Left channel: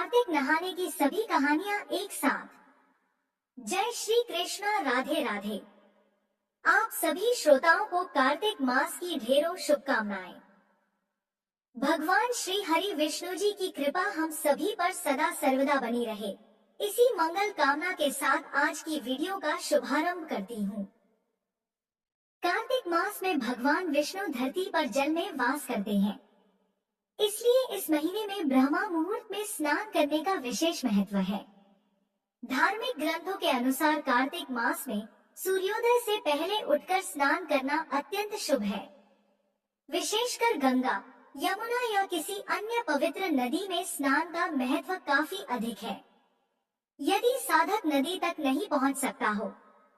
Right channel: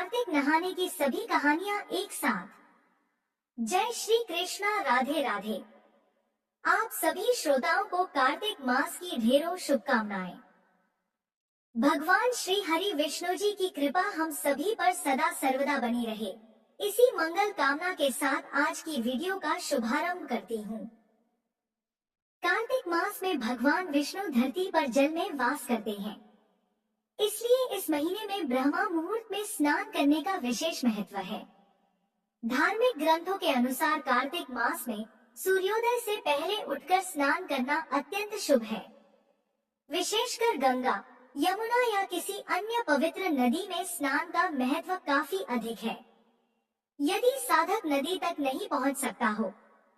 कार्तिक नहाने की सभी कहानियां एक साथ। जय श्री कृष्णा, राधे राधे। आप सभी श्रोताओं को कार्तिक मास की ढेरों शुभकामनाएं। भगवान श्री हरि विष्णु जी की कृपा हम सभी पर सदा सर्वदा बनी रहे, इसी मंगल कामना के साथ आज की वीडियो का शुभारंभ करती हूँ। कार्तिक मास में भगवान विष्णु धरती पर जल में वास करते हैं, इसलिए इस महीने में ब्रह्मा मुहूर्त में स्नान करने का विशेष महत्व है। धार्मिक ग्रंथों के अनुसार कार्तिक मास में सूर्योदय से पहले उठकर स्नान करना अत्यंत शुभ है। विशेषकर गंगा, यमुना या किसी अन्य पवित्र नदी में स्नान का महत्व काफी अधिक है। यदि साधक नदी तक नहीं पहुंच सकता हो,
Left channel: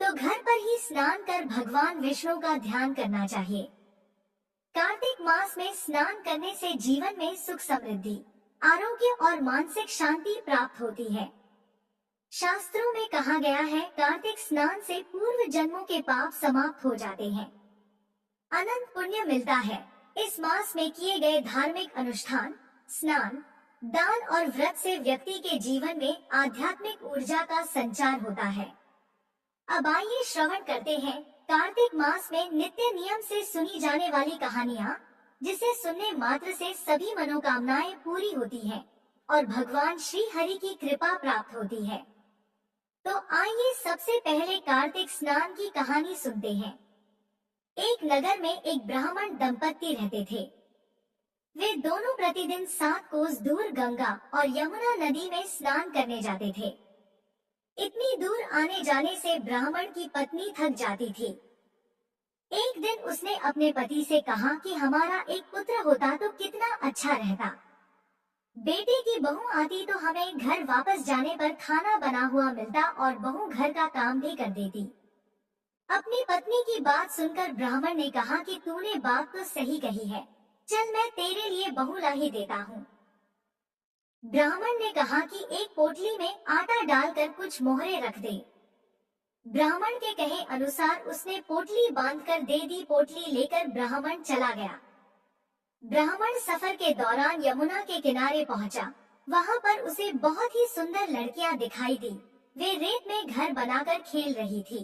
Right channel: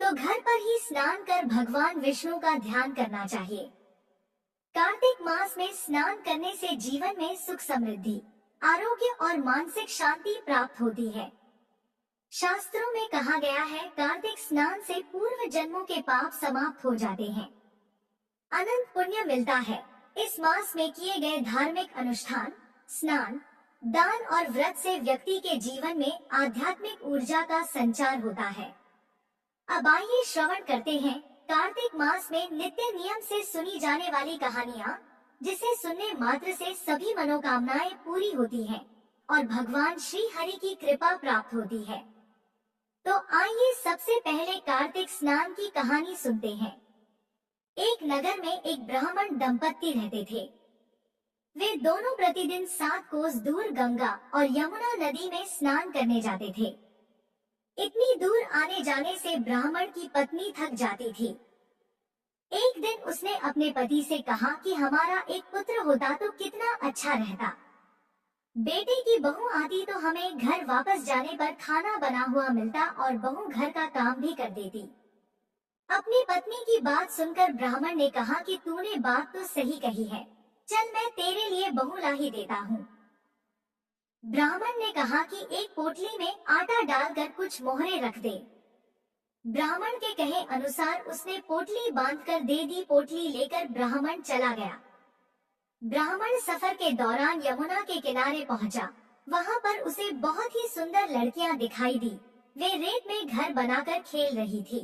तो घर पर ही स्नान कर भगवान विष्णु का ध्यान करना चाहिए। कार्तिक मास में स्नान करने से जीवन में सुख समृद्धि, आरोग्य और मानसिक शांति प्राप्त होती है। शास्त्रों में कहा गया है, कार्तिक स्नान से पूर्व जन्मों के पाप समाप्त हो जाते हैं, अनंत पुण्य मिलता है। इस मास में किए गए धार्मिक अनुष्ठान, स्नान, दान और व्रत से व्यक्ति के जीवन में आध्यात्मिक ऊर्जा का संचार होता है। अब आइए श्रवण करते हैं कार्तिक मास में नित्य नियम से सुनी जाने वाली कहानियाँ, जिसे सुनने मात्र से सभी मनोकामनाएं पूरी होती हैं और भगवान श्री हरि की कृपा प्राप्त होती है। तो आइए सबसे पहले कार्तिक स्नान की कहानी सुनते हैं। एक नगर में एक ब्राह्मण दंपत्ति रहते थे। वे दोनों प्रतिदिन 7 कोस दूर गंगा और यमुना नदी में स्नान करने जाते थे। इतनी दूर आने जाने से ब्राह्मण की पत्नी थक जाती थी। एक दिन उसने अपने पति से कहा कि हमारा एक पुत्र होता तो कितना अच्छा रहता। बेटे की बहू आती तो हमें घर वापस जाने पर खाना बना हुआ मिलता और बहू घर का काम भी कर देती। अपनी पत्नी की बात सुनकर ब्राह्मण ने कहा कि तूने बात तो सही कही है, चल मैं तेरे लिए बहू ला ही देता हूँ। ब्राह्मण ने कहा कि एक पोटली में आटा डालकर कुछ मोहरे रख दे। ब्राह्मण के कहे अनुसार उसने पोटली बांधकर दे दी। पोटली लेकर ब्राह्मण चला गया। ब्राह्मण सफर के दौरान यमुना के किनारे पहुंचा। वहां पर उसे बहुत ही सुंदर लड़कियां दिखाई दी। वे रेत में घर बनाकर खेल रही थी।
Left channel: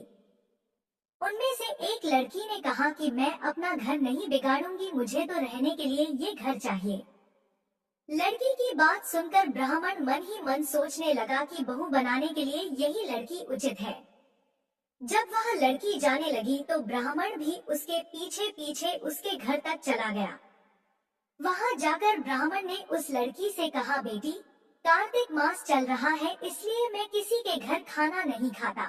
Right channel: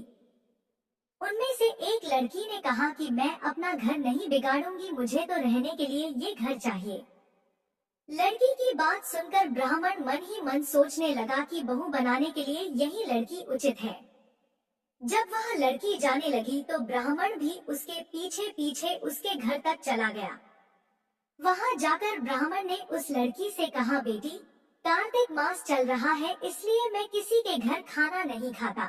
उनमें से एक लड़की ने कहा कि मैं अपना घर नहीं बिगाड़ूंगी, मुझे तो रहने के लिए ये घर चाहिए। लड़की की बात सुनकर ब्राह्मण मन ही मन सोचने लगा कि बहू बनाने के लिए यही लड़की उचित है। जब वह लड़की जाने लगी तो ब्राह्मण भी उसके पीछे पीछे उसके घर तक चला गया। वहां जाकर ब्राह्मण ने उस लड़की से कहा, बेटी, कार्तिक मास चल रहा है, इसलिए मैं किसी के घर खाना नहीं खाता।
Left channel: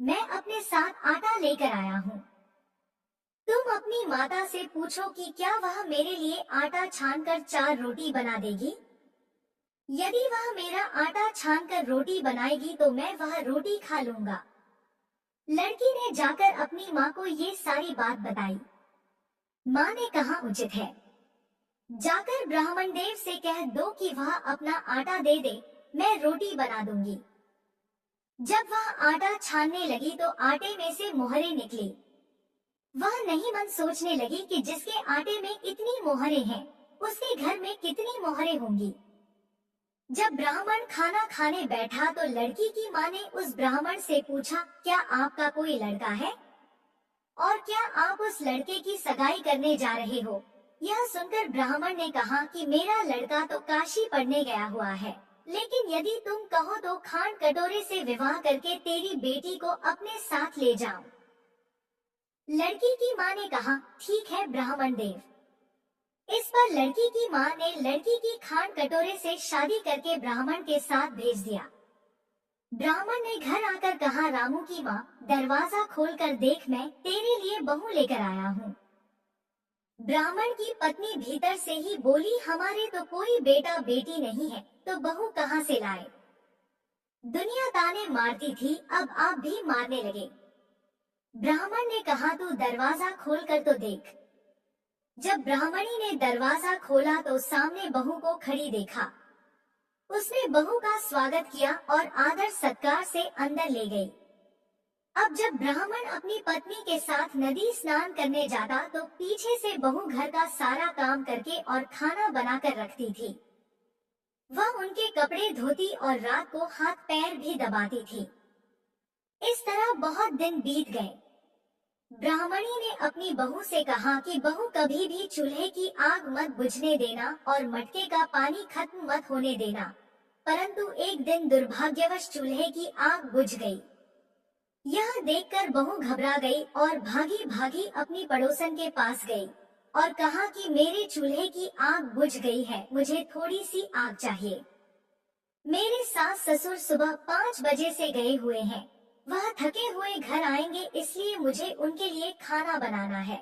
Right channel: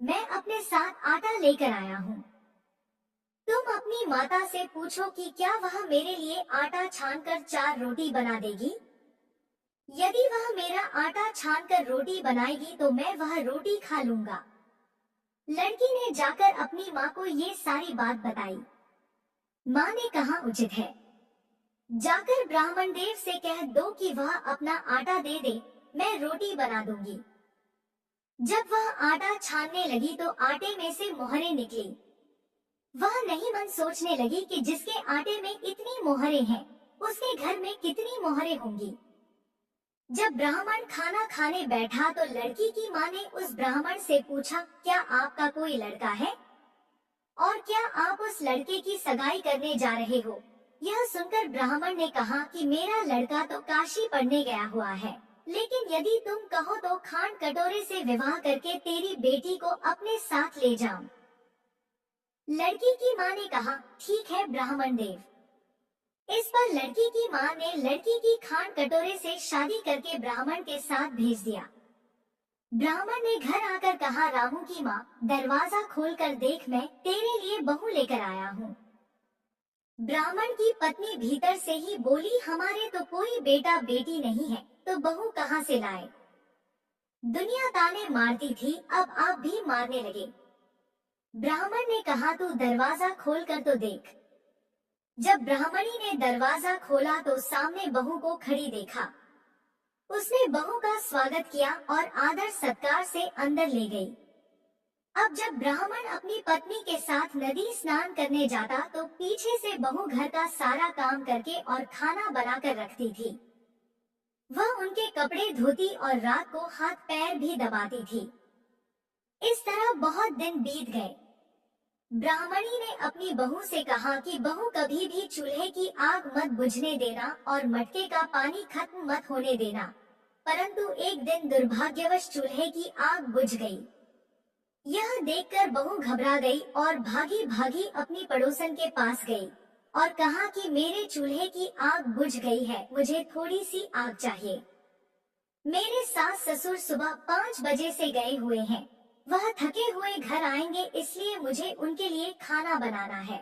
मैं अपने साथ आटा लेकर आया हूँ। तुम अपनी माता से पूछो कि क्या वह मेरे लिए आटा छानकर 4 रोटी बना देगी। यदि वह मेरा आटा छानकर रोटी बनाएगी तो मैं वह रोटी खा लूंगा। लड़की ने जाकर अपनी माँ को ये सारी बात बताई। माँ ने कहा, उचित है, जाकर ब्राह्मण देव से कह दो कि वह अपना आटा दे दे, मैं रोटी बना दूंगी। जब वह आटा छानने लगी तो आटे में से मोहरे निकली। वह नहीं मन सोचने लगी कि जिसके आटे में इतनी मोहरे हैं, उसके घर में कितनी मोहरे होंगी। जब ब्राह्मण खाना खाने बैठा तो लड़की की माँ ने उस ब्राह्मण से पूछा, क्या आपका कोई लड़का है और क्या आप उस लड़के की सगाई करने जा रहे हो। यह सुनकर ब्राह्मण ने कहा कि मेरा लड़का तो काशी पढ़ने गया हुआ है, लेकिन यदि तुम कहो तो खांड कटोरे से विवाह करके तेरी बेटी को अपने साथ ले जाऊं। लड़की की माँ ने कहा, ठीक है ब्राह्मण देव। इस पर लड़की की माँ ने लड़की की खांड कटोरे से शादी करके ब्राह्मण के साथ भेज दिया। ब्राह्मण ने घर आकर कहा, रामू की माँ, दरवाजा खोलकर देख, मैं तेरे लिए बहू लेकर आया हूँ। ब्राह्मण की पत्नी भीतर से ही बोली, हमारे तो कोई बेटा बेटी नहीं है, तो बहू कहाँ से लाए। दुनिया ताने मारती थी, अब आप भी मारने लगे। ब्राह्मण ने कहा, तू दरवाजा खोल कर तो देख। जब ब्राह्मणी ने दरवाजा खोला तो सामने बहू को खड़ी देखा। उसने बहू का स्वागत किया और आदर सत्कार से अंदर ले गई। अब जब ब्राह्मण अपनी पत्नी के साथ नदी स्नान करने जाता तो पीछे से बहू घर का सारा काम करके और खाना बनाकर रखती थी। वह उनके कपड़े धोती और रात को हाथ पैर भी दबाती थी। इस तरह बहुत दिन बीत गए। ब्राह्मणी ने अपनी बहू से कहा कि बहू कभी भी चूल्हे की आग मत बुझने देना और मटके का पानी खत्म मत होने देना। परंतु एक दिन दुर्भाग्यवश चूल्हे की आग बुझ गई। यह देखकर बहू घबरा गई और भागी भागी अपनी पड़ोसन के पास गई और कहा कि मेरे चूल्हे की आग बुझ गई है, मुझे थोड़ी सी आग चाहिए। मेरे सास ससुर सुबह 5 बजे से गए हुए हैं। वह थके हुए घर आएंगे, इसलिए मुझे उनके लिए खाना बनाना है।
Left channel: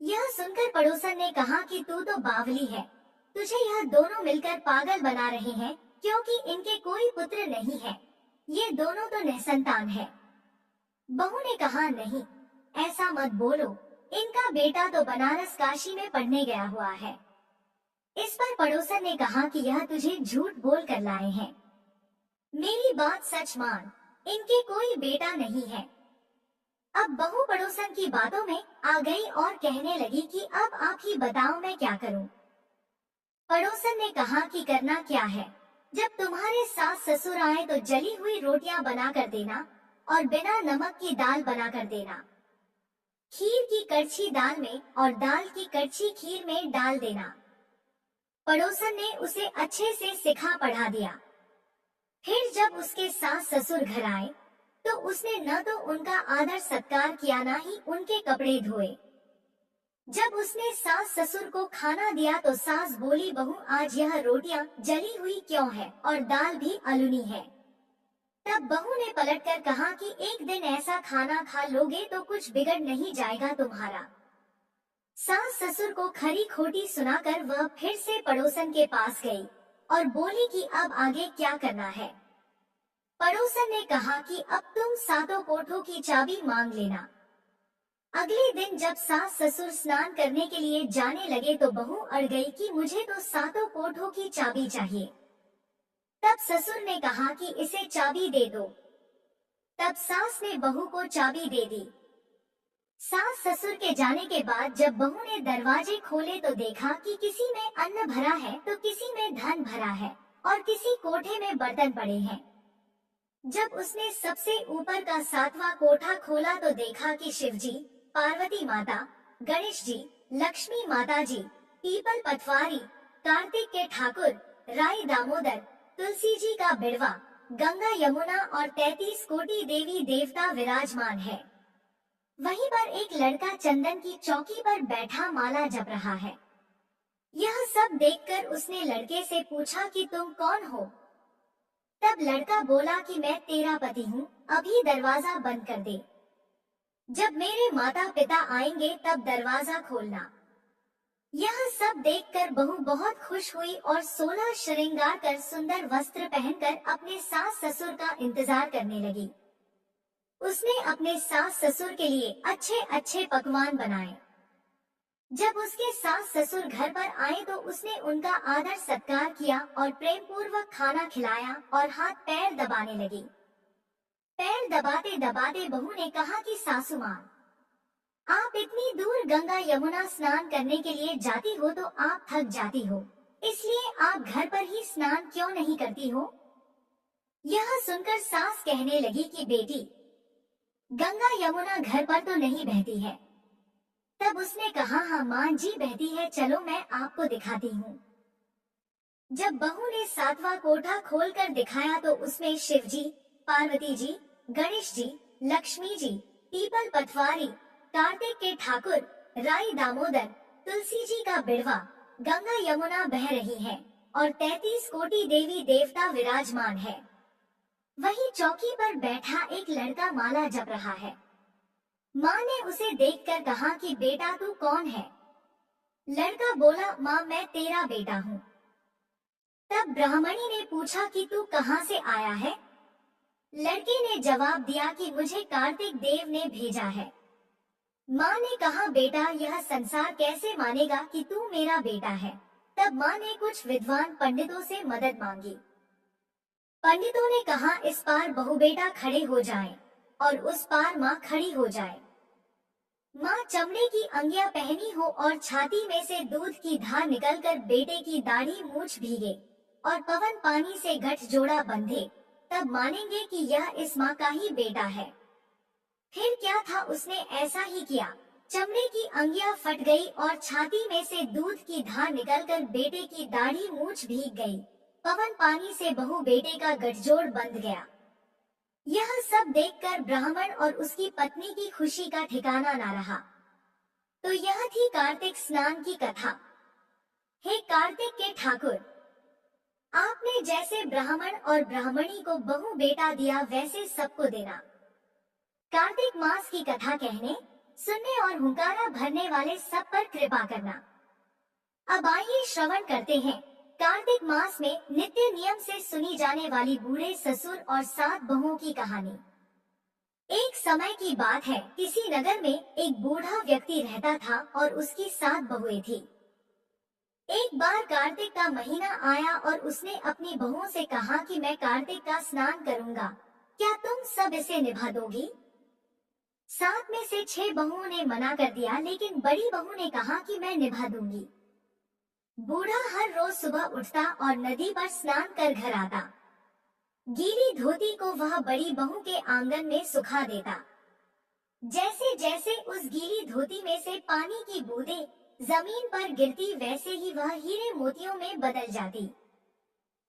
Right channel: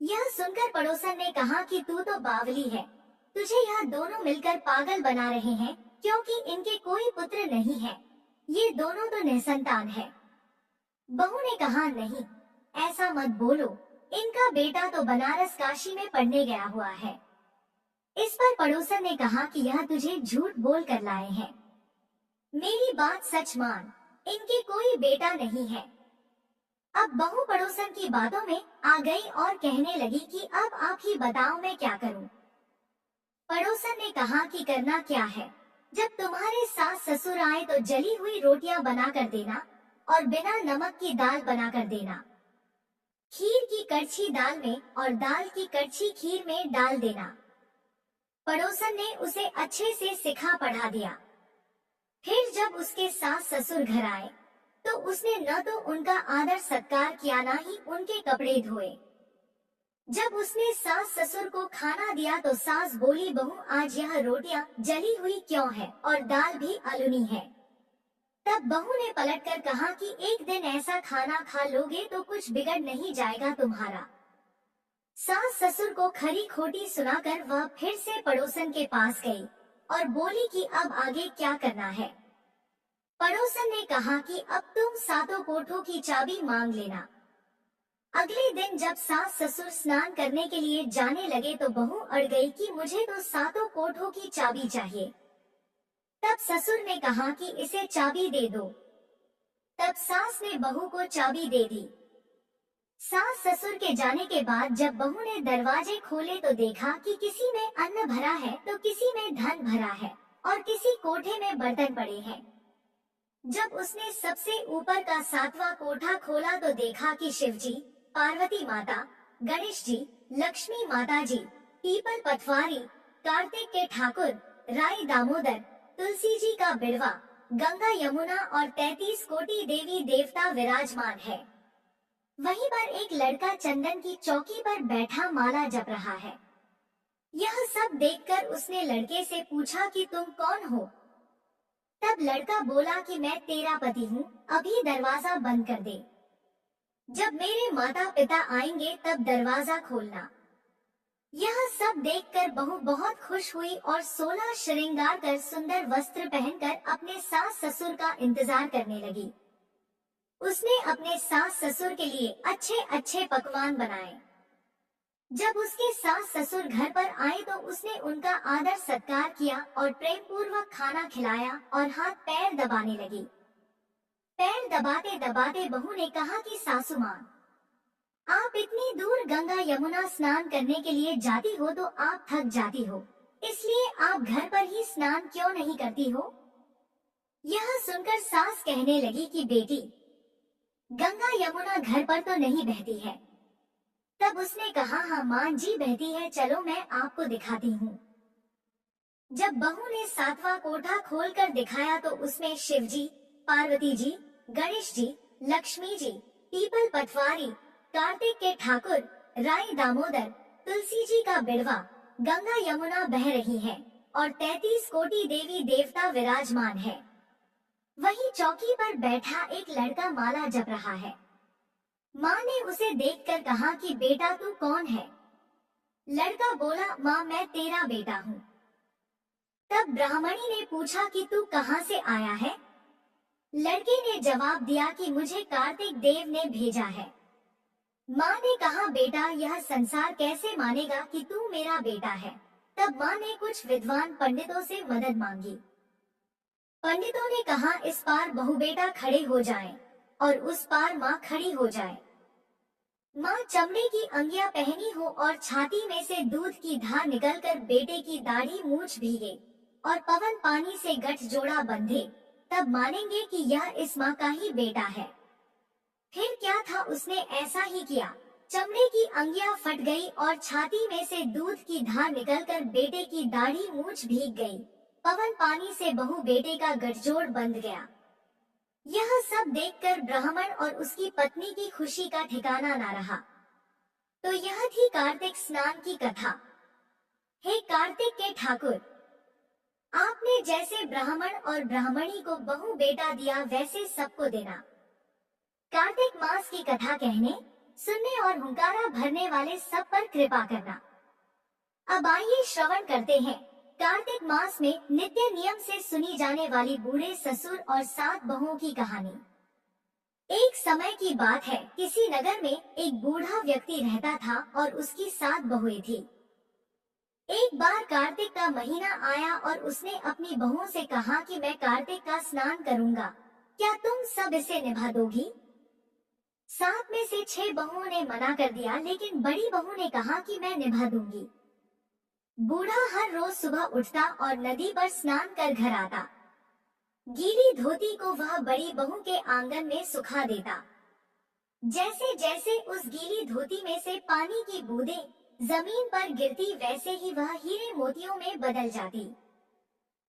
यह सुनकर पड़ोसन ने कहा कि तू तो बावली है, तुझे यह दोनों मिलकर पागल बना रहे हैं, क्योंकि इनके कोई पुत्र नहीं है। ये दोनों तो निसंतान है। बहू ने कहा नहीं, ऐसा मत बोलो, इनका बेटा तो बनारस काशी में पढ़ने गया हुआ है। इस पर पड़ोसन ने कहा कि यह तुझे झूठ बोल कर लाए हैं। मेरी बात सच मान, इनके कोई बेटा नहीं है। अब बहू पड़ोसन की बातों में आ गई और कहने लगी कि अब आप ही बताओ मैं क्या करूं। पड़ोसन ने कहा कि करना क्या है, जब तुम्हारे सास ससुर आए तो जली हुई रोटियां बना कर देना और बिना नमक की दाल बना कर देना। खीर की कड़छी दाल में और दाल की कड़छी खीर में डाल देना। पड़ोसन ने उसे अच्छे से सिखा पढ़ा दिया। फिर जब उसके सास ससुर घर आए तो उसने न तो उनका आदर सत्कार किया, न ही उनके कपड़े धोए। जब उसने सास ससुर को खाना दिया तो सास बोली, बहू आज यह रोटियां जली हुई क्यों है और दाल भी अलूनी है। तब बहू ने पलटकर कहा कि एक दिन ऐसा खाना खा लोगे तो कुछ बिगड़ नहीं जाएगा तुम्हारा। सास ससुर को खरी खोटी सुनाकर वह फिर से पड़ोसन के पास गई और बोली कि अब आगे क्या करना है। पड़ोसन ने कहा कि अब तुम सातों कोठों की चाबी मांग लेना। अगले दिन जब सास ससुर स्नान करने के लिए जाने लगे तो बहू अड़ गई कि मुझे तो सातों कोठों की चाबी चाहिए। तब ससुर ने कहा कि इसे चाबी दे दो। तब सास ने बहू को चाबी दे दी। सास ससुर के जाने के बाद जब बहू ने दरवाजे खोले तो देखा कि किसी में अन्न भरा है तो किसी में धन भरा है और किसी कोठे में बर्तन पड़े हैं। जब उसने सबसे ऊपर का 7वां कोठा खोला तो देखा कि शिवजी, पार्वती माता, गणेश जी, लक्ष्मी माता जी, पीपल पटवारी, कार्तिक के ठाकुर, राई दामोदर, तुलसी जी का बिड़वा, गंगा यमुना और 33 कोटि देवी देवता विराजमान है। वहीं पर एक लड़का चंदन की चौकी पर बैठा माला जप रहा है। यह सब देखकर उसने लड़के से पूछा कि तुम कौन हो। तब लड़का बोला कि मैं तेरा पति हूँ, अभी दरवाजा बंद कर दे। जब मेरे माता पिता आएंगे तब दरवाजा खोलना। यह सब देखकर बहू बहुत खुश हुई और 16 श्रृंगार कर सुंदर वस्त्र पहनकर अपने सास ससुर का इंतजार करने लगी। उसने अपने सास ससुर के लिए अच्छे अच्छे पकवान बनाए। जब उसके सास ससुर घर पर आए तो उसने उनका आदर सत्कार किया और प्रेम पूर्वक खाना खिलाया और हाथ पैर दबाने लगी। पैर दबाते दबाते बहू ने कहा कि सासू माँ, आप इतनी दूर गंगा यमुना स्नान करने के लिए जाती हो तो आप थक जाती हो, इसलिए आप घर पर ही स्नान क्यों नहीं करती हो। यह सुनकर सास कहने लगी कि बेटी, गंगा यमुना घर पर तो नहीं बहती है। तब उसने कहा, हाँ माँ जी बहती है, चलो मैं आपको दिखाती हूँ। जब बहू ने 7वां कोठा खोलकर दिखाया तो उसमें शिव जी, पार्वती जी, गणेश जी, लक्ष्मी जी, पीपल पटवारी, कार्तिक के ठाकुर, राई दामोदर, तुलसी जी का बिड़वा, गंगा यमुना बह रही है और 33 कोटि देवी देवता विराजमान है। वही चौकी पर बैठा एक लड़का माला जप रहा है। माँ ने उसे देखकर कहा कि बेटा तू कौन है। लड़का बोला, माँ मैं तेरा बेटा हूँ। तब ब्राह्मणी ने पूछा कि तू कहाँ से आया है। लड़के ने जवाब दिया कि मुझे कार्तिक देव ने भेजा है। माँ ने कहा, बेटा यह संसार कैसे मानेगा कि तू मेरा बेटा है। तब माँ ने कुछ विद्वान पंडितों से मदद मांगी। पंडितों ने कहा, इस पार बहू बेटा खड़े हो जाएं और उस पार माँ खड़ी हो जाए। माँ चमड़े की अंगियां पहनी हो और छाती में से दूध की धार निकलकर बेटे की दाढ़ी मूछ भीगे और पवन पानी से गठजोड़ा बंधे, तब मानेंगे कि यह इस माँ का ही बेटा है। फिर क्या था, उसने ऐसा ही किया। चमड़े की अंगियां फट गई और छाती में से दूध की धार निकलकर बेटे की दाढ़ी मूंछ भीग गई। पवन पानी से बहू बेटे का गठजोड़ बंध गया। यह सब देखकर ब्राह्मण और उसकी पत्नी की खुशी का ठिकाना न रहा। तो यह थी कार्तिक स्नान की कथा। हे कार्तिक के ठाकुर, आपने जैसे ब्राह्मण और ब्राह्मणी को बहू बेटा दिया वैसे सबको देना। कार्तिक मास की कथा कहने, सुनने और हुंकारा भरने वाले सब पर कृपा करना। अब आइए श्रवण करते हैं कार्तिक मास में नित्य नियम से सुनी जाने वाली बूढ़े ससुर और 7 बहुओं की कहानी। एक समय की बात है, किसी नगर में एक बूढ़ा व्यक्ति रहता था और उसकी 7 बहुएं थी। एक बार कार्तिक का महीना आया और उसने अपनी बहुओं से कहा कि मैं कार्तिक का स्नान करूंगा, क्या तुम सब इसे निभा दोगी? 7 में से 6 बहुओं ने मना कर दिया, लेकिन बड़ी बहू ने कहा कि मैं निभा दूंगी। बूढ़ा हर रोज सुबह उठता और नदी पर स्नान कर घर आता। गीली धोती को वह बड़ी बहू के आंगन में सुखा देता। जैसे जैसे उस गीली धोती में से पानी की बूंदें जमीन पर गिरती, वैसे ही वह हीरे मोतियों में बदल जाती।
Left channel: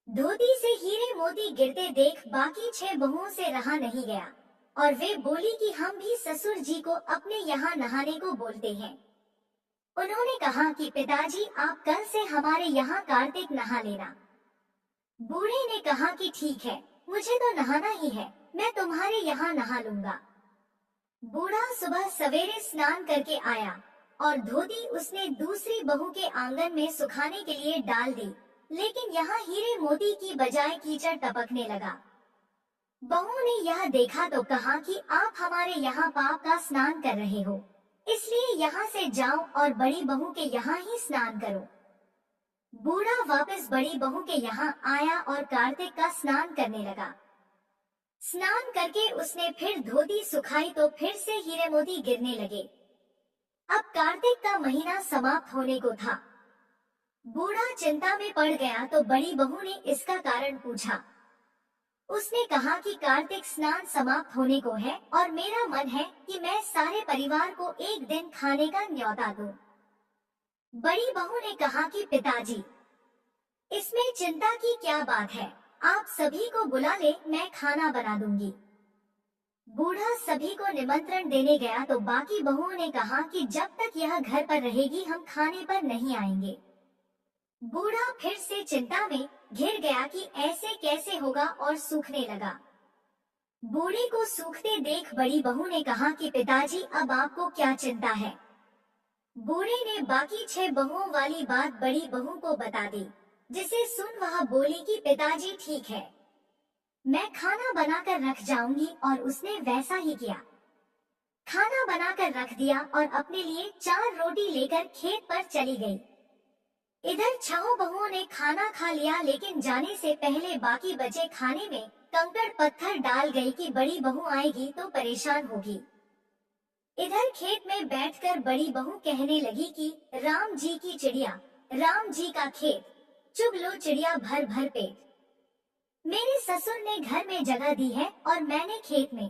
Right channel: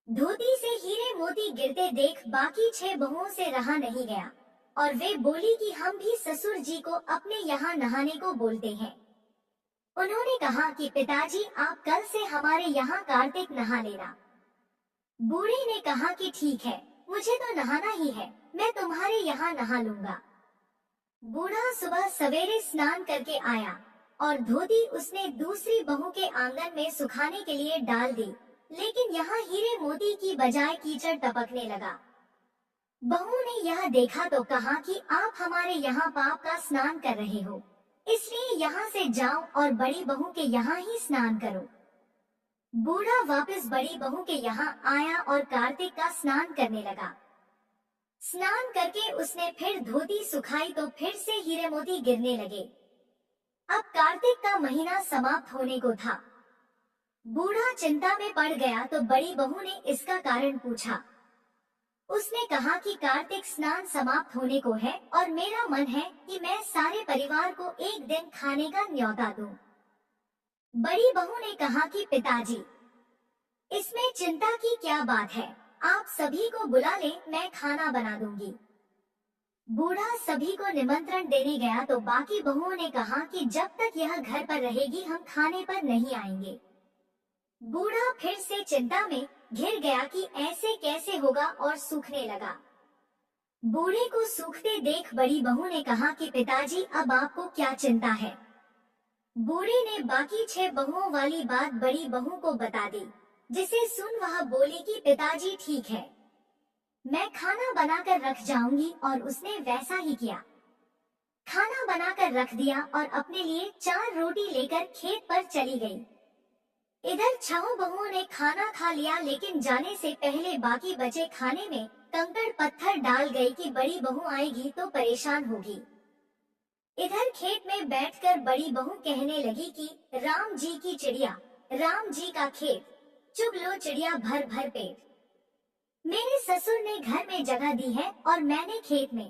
धोती से हीरे मोती गिरते देख बाकी 6 बहुओं से रहा नहीं गया और वे बोली कि हम भी ससुर जी को अपने यहाँ नहाने को बोलते हैं। उन्होंने कहा कि पिताजी, आप कल से हमारे यहाँ कार्तिक नहा लेना। बूढ़े ने कहा कि ठीक है, मुझे तो नहाना ही है, मैं तुम्हारे यहाँ नहा लूंगा। बूढ़ा सुबह सवेरे स्नान करके आया और धोती उसने दूसरी बहू के आंगन में सुखाने के लिए डाल दी, लेकिन यहाँ हीरे मोती की बजाय कीचड़ टपकने लगा। बहू ने यह देखा तो कहा कि आप हमारे यहाँ पाप का स्नान कर रहे हो, इसलिए यहाँ से जाओ और बड़ी बहू के यहाँ ही स्नान करो। बूढ़ा वापस बड़ी बहू के यहाँ आया और कार्तिक का स्नान करने लगा। स्नान करके उसने फिर धोती सुखाई तो फिर से हीरे मोती गिरने लगे। अब कार्तिक का महीना समाप्त होने को था। बूढ़ा चिंता में पड़ गया तो बड़ी बहू ने इसका कारण पूछा। उसने कहा कि कार्तिक स्नान समाप्त होने को है और मेरा मन है कि मैं सारे परिवार को एक दिन खाने का न्योता दूं। बड़ी बहू ने कहा कि पिताजी, इसमें चिंता की क्या बात है, आप सभी को बुला ले, मैं खाना बना दूंगी। बूढ़ा सभी को निमंत्रण देने गया तो बाकी बहुओं ने कहा कि जब तक यह घर पर रहेगी हम खाने पर नहीं आएंगे। बूढ़ा फिर से चिंता में घिर गया कि ऐसे कैसे होगा और सूखने लगा। बूढ़े को सूखते देख बड़ी बहू ने कहा कि पिताजी, अब आपको क्या चिंता है? बूढ़े ने बाकी 6 बहुओं वाली बात बड़ी बहू को बता दी, जिसे सुन वह बोली कि पिताजी ठीक है, मैं खाना बनाकर रख जाऊंगी। और उसने वैसा ही किया। खाना बनाकर रख दिया और अपने लिए 4 रोटी लेकर खेत पर चली गई। इधर 6 बहुओं ने खाना खा लिया, लेकिन जाने से पहले बाकी बचे खाने में कंकड़ पत्थर डाल गई कि बड़ी बहू आएगी तो परेशान होगी। इधर खेत में बैठकर बड़ी बहू कहने लगी कि राम जी की चिड़िया, राम जी का खेत, चुग लो चिड़िया भर भर पेट। मेरे ससुर ने घर में जगह दी है और मैंने खेत में।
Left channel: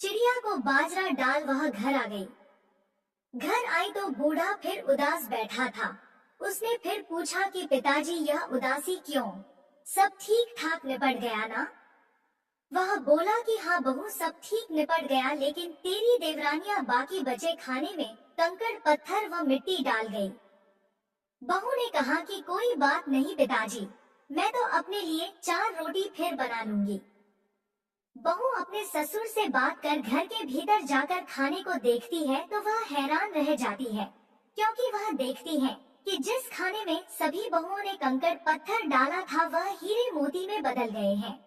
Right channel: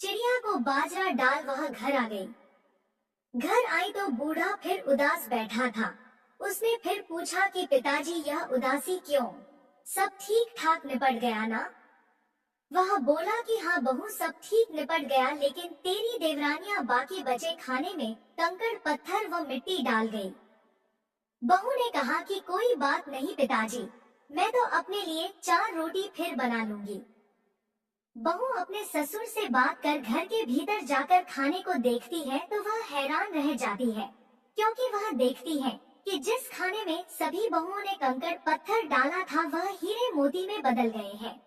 चिड़िया को बाजरा डाल वह घर आ गई। घर आई तो बूढ़ा फिर उदास बैठा था। उसने फिर पूछा कि पिताजी, यह उदासी क्यों? सब ठीक ठाक निपट गया ना? वह बोला कि हाँ बहू, सब ठीक निपट गया, लेकिन तेरी देवरानियां बाकी बचे खाने में कंकड़ पत्थर व मिट्टी डाल गई। बहू ने कहा कि कोई बात नहीं पिताजी, मैं तो अपने लिए 4 रोटी फिर बना लूंगी। बहू अपने ससुर से बात कर घर के भीतर जाकर खाने को देखती है तो वह हैरान रह जाती है, क्योंकि वह देखती है कि जिस खाने में सभी बहुओं ने कंकड़ पत्थर डाला था वह हीरे मोती में बदल गए हैं।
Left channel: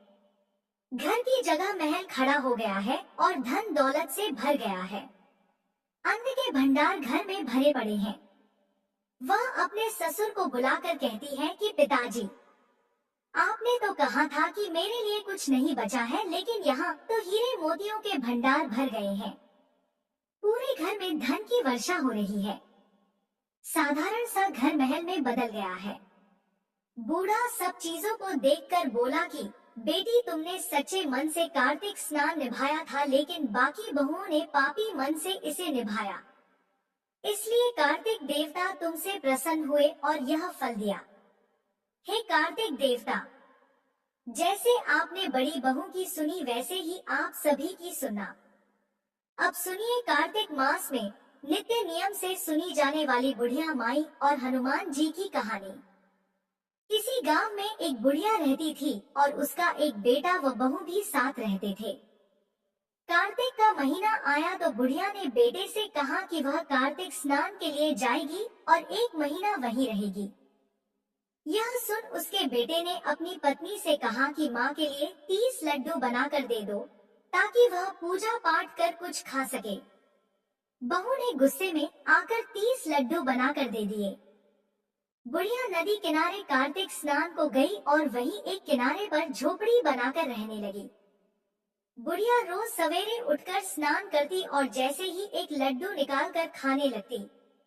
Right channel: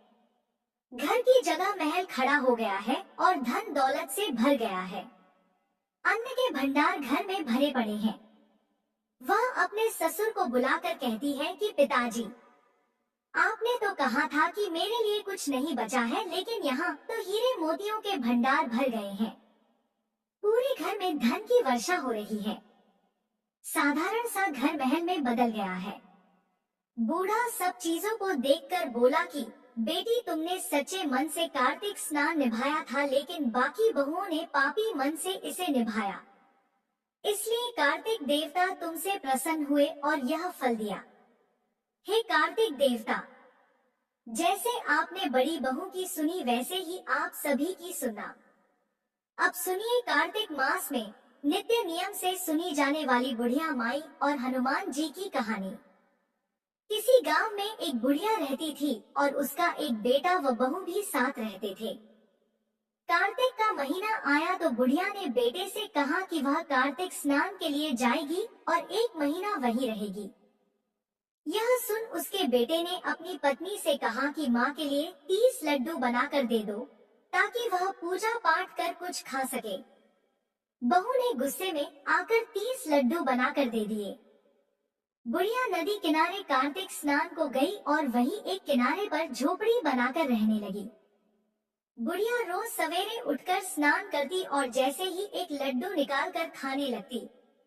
घर की जगह महल खड़ा हो गया है और धन दौलत से भर गया है। अन्न के भंडार घर में भरे पड़े हैं। वह अपने ससुर को बुलाकर कहती है कि पिताजी, आपने तो कहा था कि मेरे लिए कुछ नहीं बचा है, लेकिन यहाँ तो हीरे मोतियों के भंडार भर गए हैं। पूरे घर में धन की वर्षा हो रही है। साधारण सा घर महल में बदल गया है। बूढ़ा सब चीजों को देखकर बोला कि बेटी, तुमने सच्चे मन से कार्तिक स्नान निभाया था, लेकिन बाकी बहुओं ने पापी मन से इसे निभाया। इसलिए कार्तिक देवता तुमसे प्रसन्न हुए और यह फल दिया। हे कार्तिक देवता, जैसे आपने बड़ी बहू की सुनी, वैसे ही आप सभी की सुना। अब सुनिए कार्तिक मास में नित्य नियम से सुनी जाने वाली बुढ़िया माई और हनुमान जी की कहानी। किसी गांव में एक बुढ़िया रहती थी और उसका एक बेटा व बहू भी साथ रहते थे। कार्तिक का महीना आया तो बुढ़िया ने बेटे से कहा कि वह कार्तिक स्नान के लिए जाएगी और 1 महीना वहीं रहेगी। यह सुन उसके बेटे ने अपनी पत्नी से कहा कि माँ के लिए 30 लड्डू बनाकर दे दो, ताकि वह पूजा पाठ कर कुछ खा सके। बहू ने गुस्से में आकर 30 लड्डू बनाकर दे दिए। बुढ़िया नदी किनारे कार्तिक स्नान को गई और वहीं एक किनारे पर झोपड़ी बनाकर रहने लगी। बुढ़िया रोज सवेरे उठकर स्नान करती और जैसे ही एक लड्डू निकालकर खाने लगती,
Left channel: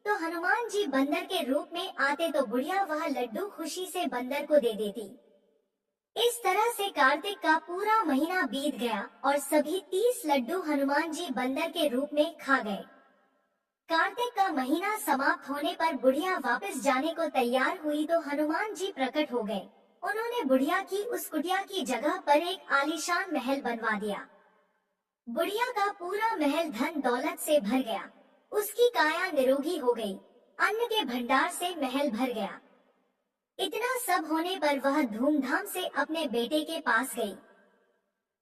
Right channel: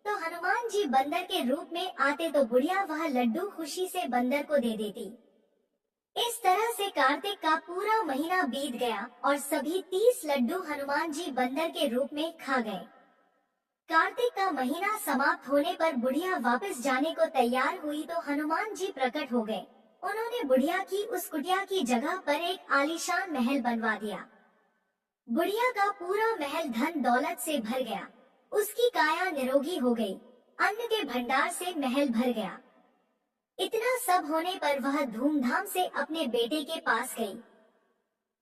तो हनुमान जी बंदर के रूप में आते तो बुढ़िया वह लड्डू खुशी से बंदर को दे देती। इस तरह से कार्तिक का पूरा महीना बीत गया और सभी 30 लड्डू हनुमान जी बंदर के रूप में खा गए। कार्तिक का महीना समाप्त होने पर बुढ़िया वापस जाने को तैयार हुई तो हनुमान जी प्रकट हो गए। उन्होंने बुढ़िया की उस कुटिया की जगह पर एक आलीशान महल बनवा दिया। बुढ़िया का पूरा महल धन दौलत से भर गया। उसकी काया निरोगी हो गई। अन्न के भंडार से महल भर गया। इतना सब होने पर वह धूमधाम से अपने बेटे के पास गई।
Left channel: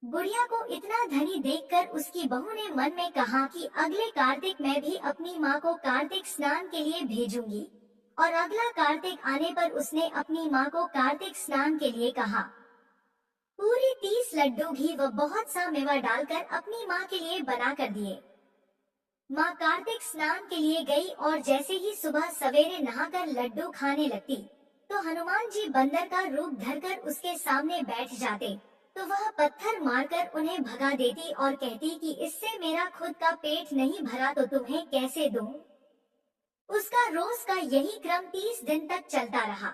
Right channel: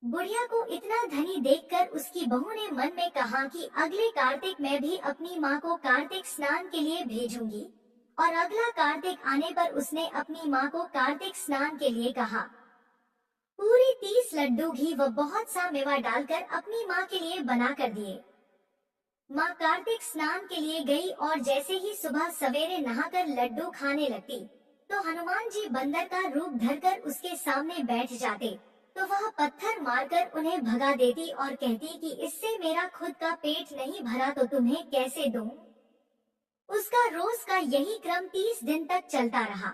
बुढ़िया को इतना धनी देखकर उसकी बहू ने मन में कहा कि अगले कार्तिक मैं भी अपनी माँ को कार्तिक स्नान के लिए भेजूंगी। और अगला कार्तिक आने पर उसने अपनी माँ को कार्तिक स्नान के लिए कहा। पूरे 30 लड्डू घी व बहुत सा मेवा डालकर अपनी माँ के लिए बना कर दिए। माँ कार्तिक स्नान के लिए गई और जैसे ही सुबह सवेरे नहाकर लड्डू खाने लगती, तो हनुमान जी बंदर का रूप धरकर उसके सामने बैठ जाते, तो वह पत्थर मारकर उन्हें भगा देती और कहती कि इससे मेरा खुद का पेट नहीं भरा तो तुम्हें कैसे दूं? उसका रोज का यही क्रम 30 दिन तक चलता रहा।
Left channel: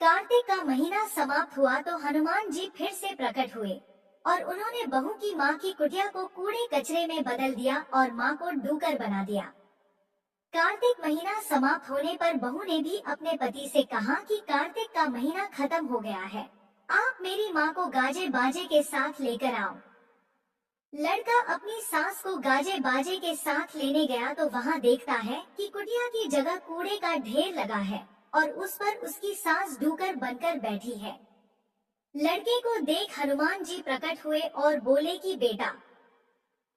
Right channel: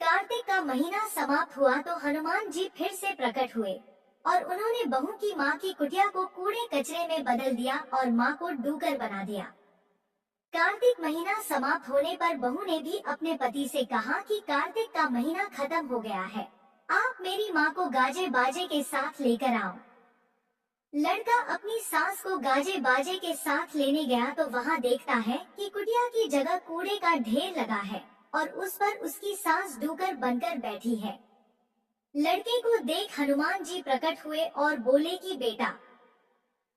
कार्तिक का महीना समाप्त हुआ तो हनुमान जी फिर से प्रकट हुए और उन्होंने बहू की माँ की कुटिया को कूड़े कचरे में बदल दिया और माँ को डूकर बना दिया। कार्तिक महीना समाप्त होने पर बहू ने भी अपने पति से कहा कि कार्तिक का महीना खत्म हो गया है, आप मेरी माँ को गाजे बाजे के साथ लेकर आओ। लड़का अपनी सास को गाजे बाजे के साथ लेने गया तो वहाँ देखता है कि कुटिया की जगह कूड़े का ढेर लगा है और उस पर उसकी सास डूकर बनकर बैठी है। लड़के को देख हनुमान जी प्रकट हुए और बोले कि बेटा,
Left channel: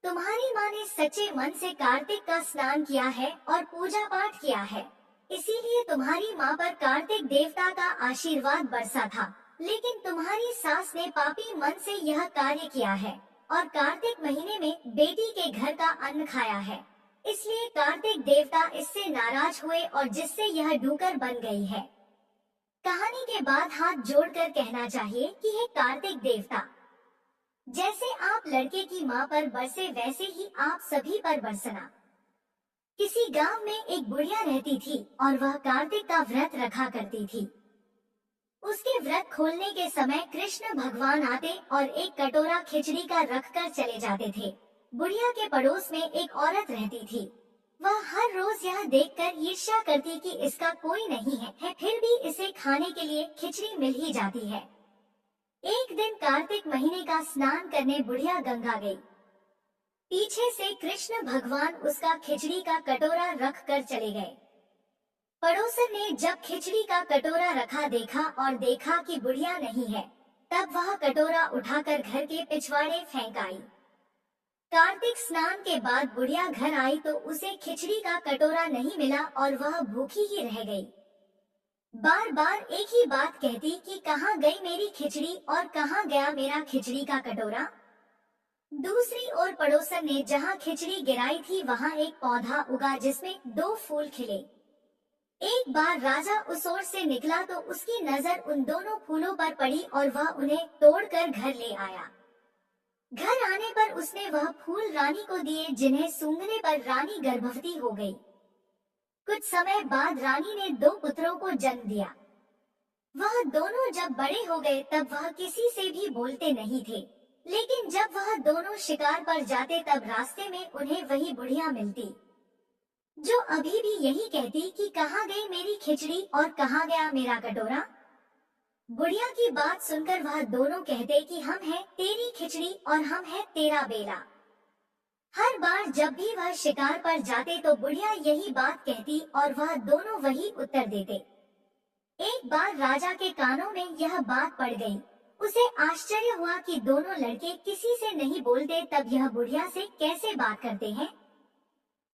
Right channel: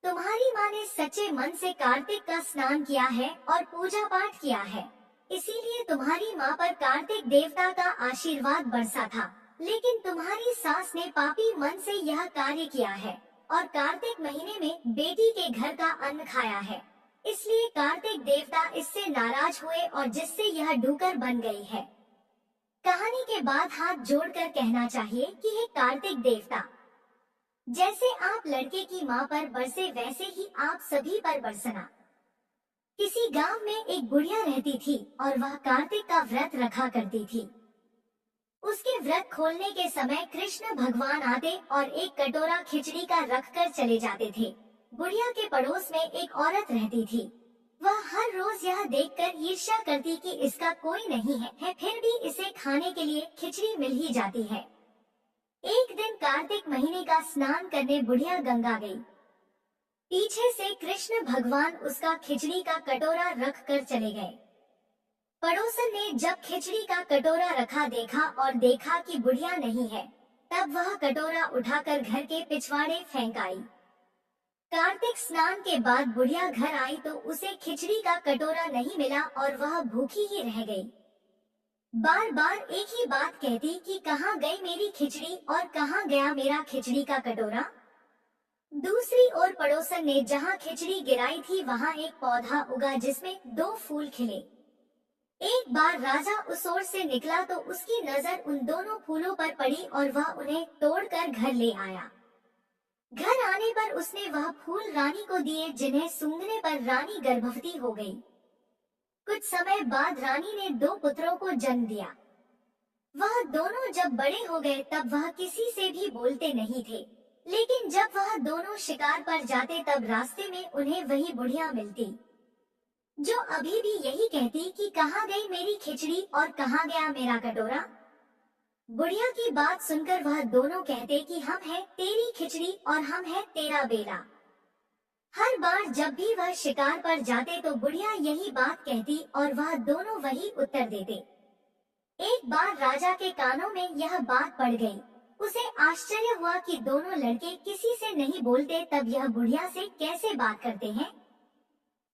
तुम्हारी माँ ने सच्चे मन से कार्तिक का स्नान किया है और पूजा पाठ किया है, इसीलिए तुम्हारी माँ पर कार्तिक देवता का आशीर्वाद बरसा था। लेकिन तुम्हारी सास ने पापी मन से यह कार्य किया है और कार्तिक महीने में बेटी के घर का अन्न खाया है, इसलिए कार्तिक देवता इससे नाराज हुए और जिससे यह डूकर बन गई है। कहानी के बाद हाथ जोड़कर कहना चाहिए कि हे कार्तिक देवता, जैसे आप लड़के की माँ पर बरसे वैसे ही आप सभी पर बरसना। किसी गांव में एक बुढ़िया रहती थी और वह कार्तिक का व्रत रखा करती थी। उसके व्रत खोलने के समय कृष्ण भगवान आते और एक कटोरा खिचड़ी का रखकर चले जाते थे। बुढ़िया के पड़ोस में एक औरत रहती थी। वह हर रोज यह देखकर ईर्ष्या करती कि इसका कोई नहीं है, फिर भी इसे खाने के लिए खिचड़ी मिल ही जाती है। एक दिन कार्तिक महीने का स्नान करने बुढ़िया गंगा गई। पीछे से कृष्ण भगवान उसका खिचड़ी का कटोरा रख कर चले गए। पड़ोसन ने जब खिचड़ी का कटोरा रखा देखा और देखा कि बुढ़िया नहीं है, तब वह कटोरा उठाकर घर के पिछवाड़े फेंक आई। कार्तिक स्नान के बाद बुढ़िया घर आई तो उसे खिचड़ी का कटोरा नहीं मिला और वह भूखी ही रह गई। बार बार एक ही बात कहती कि कहाँ गई मेरी खिचड़ी और कहाँ गया मेरा खिचड़ी का कटोरा। दूसरी ओर पड़ोसन ने जहाँ खिचड़ी गिराई थी वहाँ एक पौधा उगा जिसमें 2 फूल खिले। एक बार राजा उस ओर से निकला तो उसकी नजर उन दोनों फूलों पर पड़ी और वह उन्हें तोड़कर घर ले आया। घर आने पर उसने वह फूल रानी को दिए, जिन्हें सूंघने पर रानी गर्भवती हो गई। कुछ समय बाद रानी ने 2 पुत्रों को जन्म दिया। वह दोनों जब बड़े हो गए तब वह किसी से भी बोलते नहीं थे, लेकिन जब वह दोनों शिकार पर जाते तब रास्ते में उन्हें वही बुढ़िया मिलती, जो अभी भी यही कहती कि कहाँ गई मेरी खिचड़ी और कहाँ गया मेरा कटोरा। बुढ़िया की बात सुनकर वह दोनों कहते कि हम हैं तेरी खिचड़ी और हम हैं तेरा बेला। हर बार जब भी वह शिकार पर जाते तो बुढ़िया यही बात कहती और वह दोनों वही उत्तर देते। एक बार राजा के कानों में यह बात पड़ गई। उसे आश्चर्य हुआ कि दोनों लड़के किसी से नहीं बोलते, तब यह बुढ़िया से कैसे बात करते हैं।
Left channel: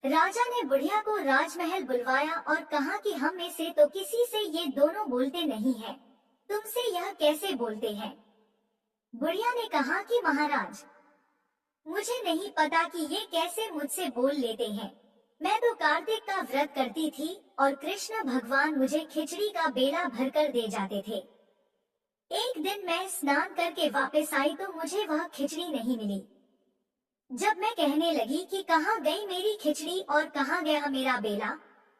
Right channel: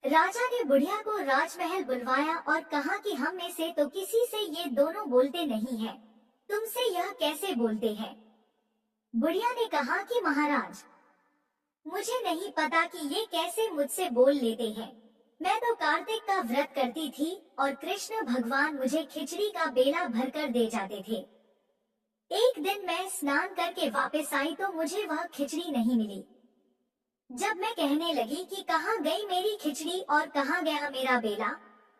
राजा ने बुढ़िया को राजमहल बुलवाया और कहा कि हम में से तो किसी से ये दोनों बोलते नहीं हैं, तुमसे यह कैसे बोलते हैं। बुढ़िया ने कहा कि महाराज, मुझे नहीं पता कि ये कैसे मुझसे बोल लेते हैं। मैं तो कार्तिक का व्रत करती थी और कृष्ण भगवान मुझे खिचड़ी का बेला भरकर दे जाते थे। एक दिन मैं स्नान करके वापस आई तो मुझे वह खिचड़ी नहीं मिली। जब मैं कहने लगी कि कहाँ गई मेरी खिचड़ी और कहाँ गया मेरा बेला,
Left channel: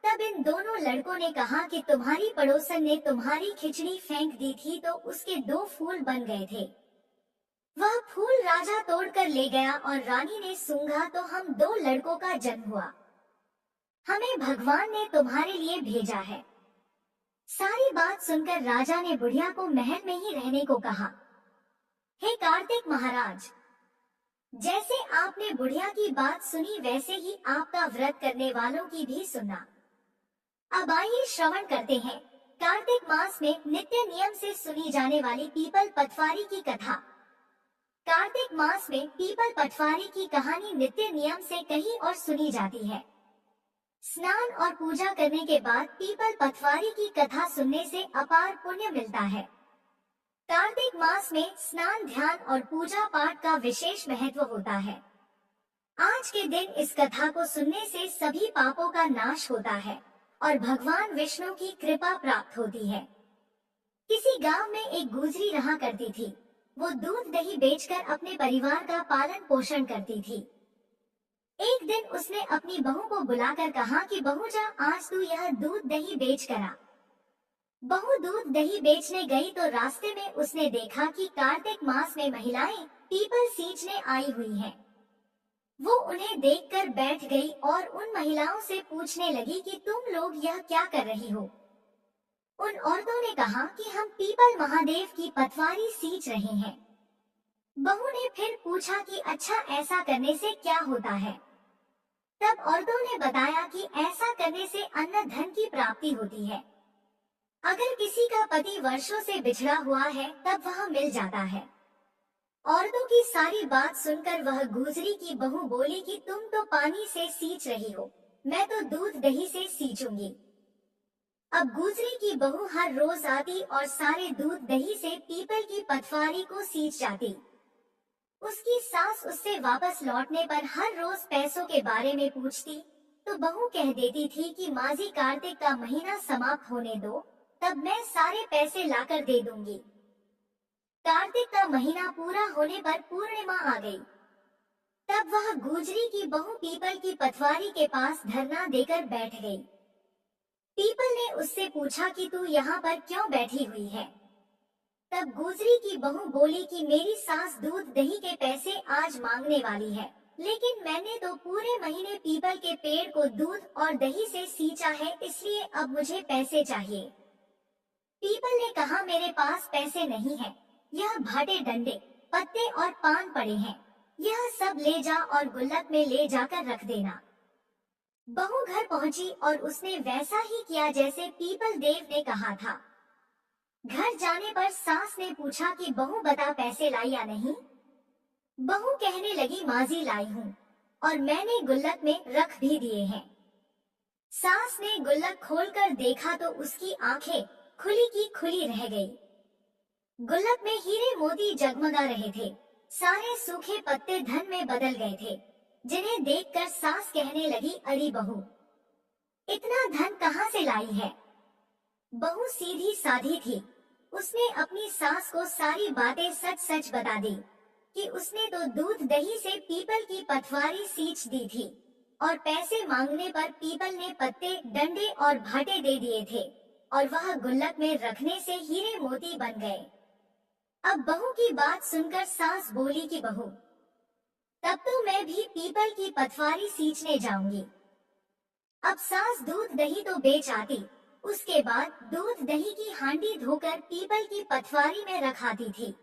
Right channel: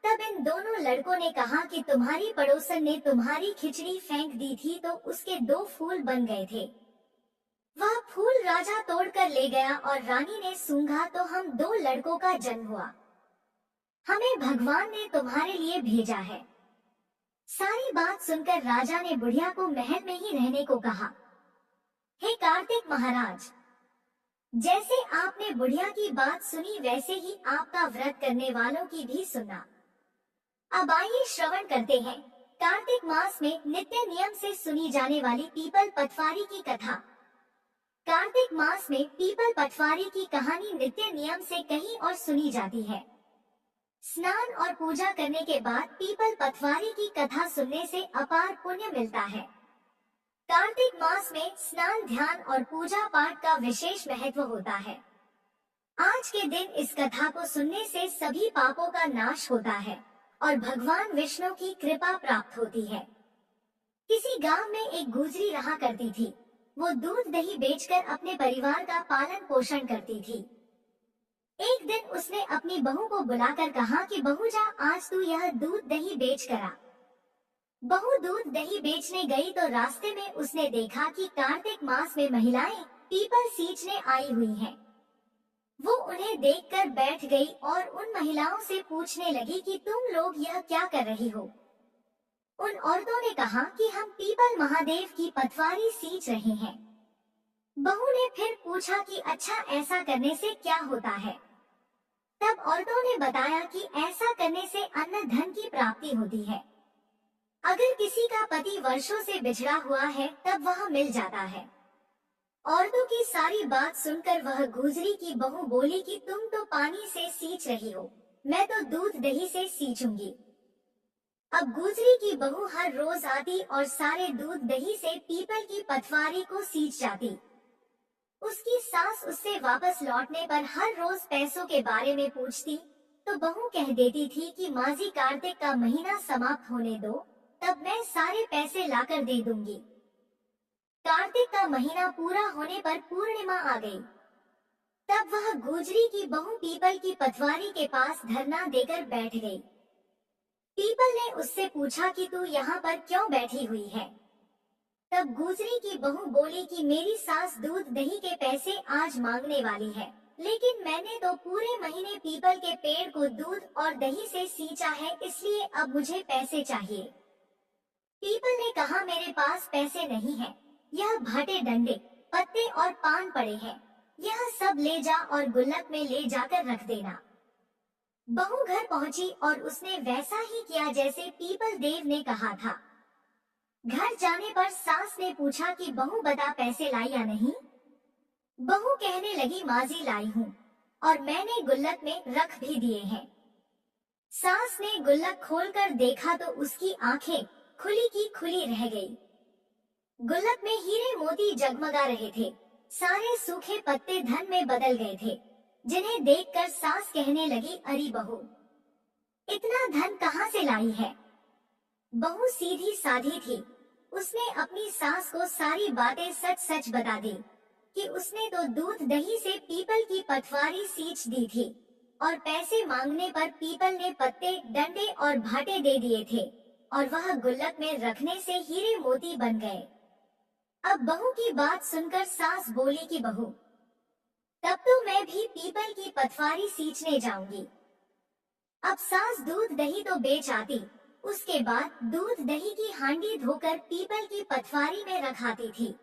तब इन दोनों लड़कों ने कहा कि तुम्हारी पड़ोसन ने तुम्हारी खिचड़ी फेंक दी थी तो उसके 2 फूल बन गए थे। वह फूल राजा तोड़कर ले गया और रानी ने सूंघा तो हम 2 लड़कों का जन्म हुआ। हमें भगवान ने तुम्हारे लिए भेजा है। सारी बात सुनकर राजा ने बुढ़िया को महल में ही रहने को कहा। हे कार्तिक महाराज, जैसे आपने बुढ़िया की बात सुनी वैसे ही आपका व्रत करने वालों की भी सुनना। अब आइए श्रवण करते हैं कार्तिक मास में नित्य नियम से सुनी जाने वाली पीपल पटवारी की कथा। कार्तिक मास में पीपल पटवारी की कहानी नित्य नियम से कही और सुनी जाती है। स्नान और पूजा करने के बाद पीपल पटवारी की कथा सुनने से अपार पुण्य मिलता है। कार्तिक मास में स्नान, ध्यान और पूजा पाठ का विशेष महत्व होता है। आज के दिन इस कथा को सुनने से सभी पापों का नाश होता है और भगवान विष्णु की कृपा प्राप्त होती है। किसी गांव में एक गुजरी रहा करती थी। वो दूध दही बेचकर अपने परिवार का पालन पोषण करती थी। एक दिन उसने अपनी बहू को बुलाकर कहा कि बहू जा, आज तू यह दूध दही बेच कर आ। बहू दूध दही बेचने गई तो रास्ते में उसने देखा कि कार्तिक मास में महिलाएं पीपल सींचने आई हुई हैं। वो उन्हें देखकर बैठ गई और उन महिलाओं से पूछने लगी कि तुम लोग यह क्या कर रही हो। उन औरतों ने कहा कि हम पीपल महादेव की पटवारी सींच रहे हैं। बहू ने फिर पूछा कि अच्छा, ऐसा करने से क्या होता है। तब औरतों ने बताया कि ऐसा करने से अन्न धन की प्राप्ति होती है। अगर किसी का पति वर्षों से बिछड़ा हुआ है तब वह मिल जाता है। औरतों की सारी बात सुनकर वह गुजरी की बहू बोली कि तुम तो पानी से सींच रही हो, मैं तो दूध दही से सींचूंगी। अब गुजरी की बहू हर रोज आती और सारे दूध दही से पीपल की पटवारी को सींच जाती। उसकी सास उससे वापस लौटने पर हर रोज पैसों के बारे में पूछती तो बहू कह देती थी कि माजी कार्तिक का महीना समाप्त होने दो, तब मैं सारे पैसे लाकर दे दूंगी। कार्तिक का महीना पूरा होने पर पूर्णिमा आ गई। तब वह गुजरी की बहू पीपल की पटवारी के पास धरना देकर बैठ गई। पीपल ने उससे पूछा कि तू यहाँ पर क्यों बैठी हुई है। तब गुजरी की बहू बोली कि मेरी सास दूध दही के पैसे आज मांगने वाली है, लेकिन मैंने तो पूरे महीने पीपल के पेड़ को दूध और दही से सींचा है, इसलिए अब मुझे पैसे चाहिए। पीपल ने कहा मेरे पास पैसे नहीं है, यह भाटे डंडे पत्ते और पान पड़े हैं, यह सब ले जा और गुल्लक में ले जाकर रख देना। बहू घर पहुंची और उसने वैसा ही किया जैसे पीपल देव ने कहा था। घर जाने पर सास ने पूछा कि बहू बता पैसे लाई या नहीं। बहू कहने लगी माजी लाई हूँ और मैंने गुल्लक में रख भी दिए हैं। सास ने गुल्लक खोलकर देखा तो उसकी आंखें खुली की खुली रह गई। गुल्लक में हीरे मोती जगमगा रहे थे, सारे सूखे पत्ते धन में बदल गए थे, जिन्हें देखकर सास कहने लगी अरे बहू, इतना धन कहाँ से लाई है। बहू सीधी साधी थी, उसने अपनी सास को सारी बातें सच सच बता दी कि उसने तो दूध दही से पीपल की पटवारी सींच दी थी और पैसे मांगने पर पीपल ने पत्ते डंडे और भाटे दे दिए थे। और वह गुल्लक में रखने से हीरे मोती बन गए। अब बहू की बात सुनकर सास बोली कि बहू, तब तो मैं भी पीपल की पथवारी सींचने जाऊंगी। अब सास दूध दही तो बेच आती, उसके बाद दूध दही की हांडी धोकर पीपल की पथवारी में रखाती थी।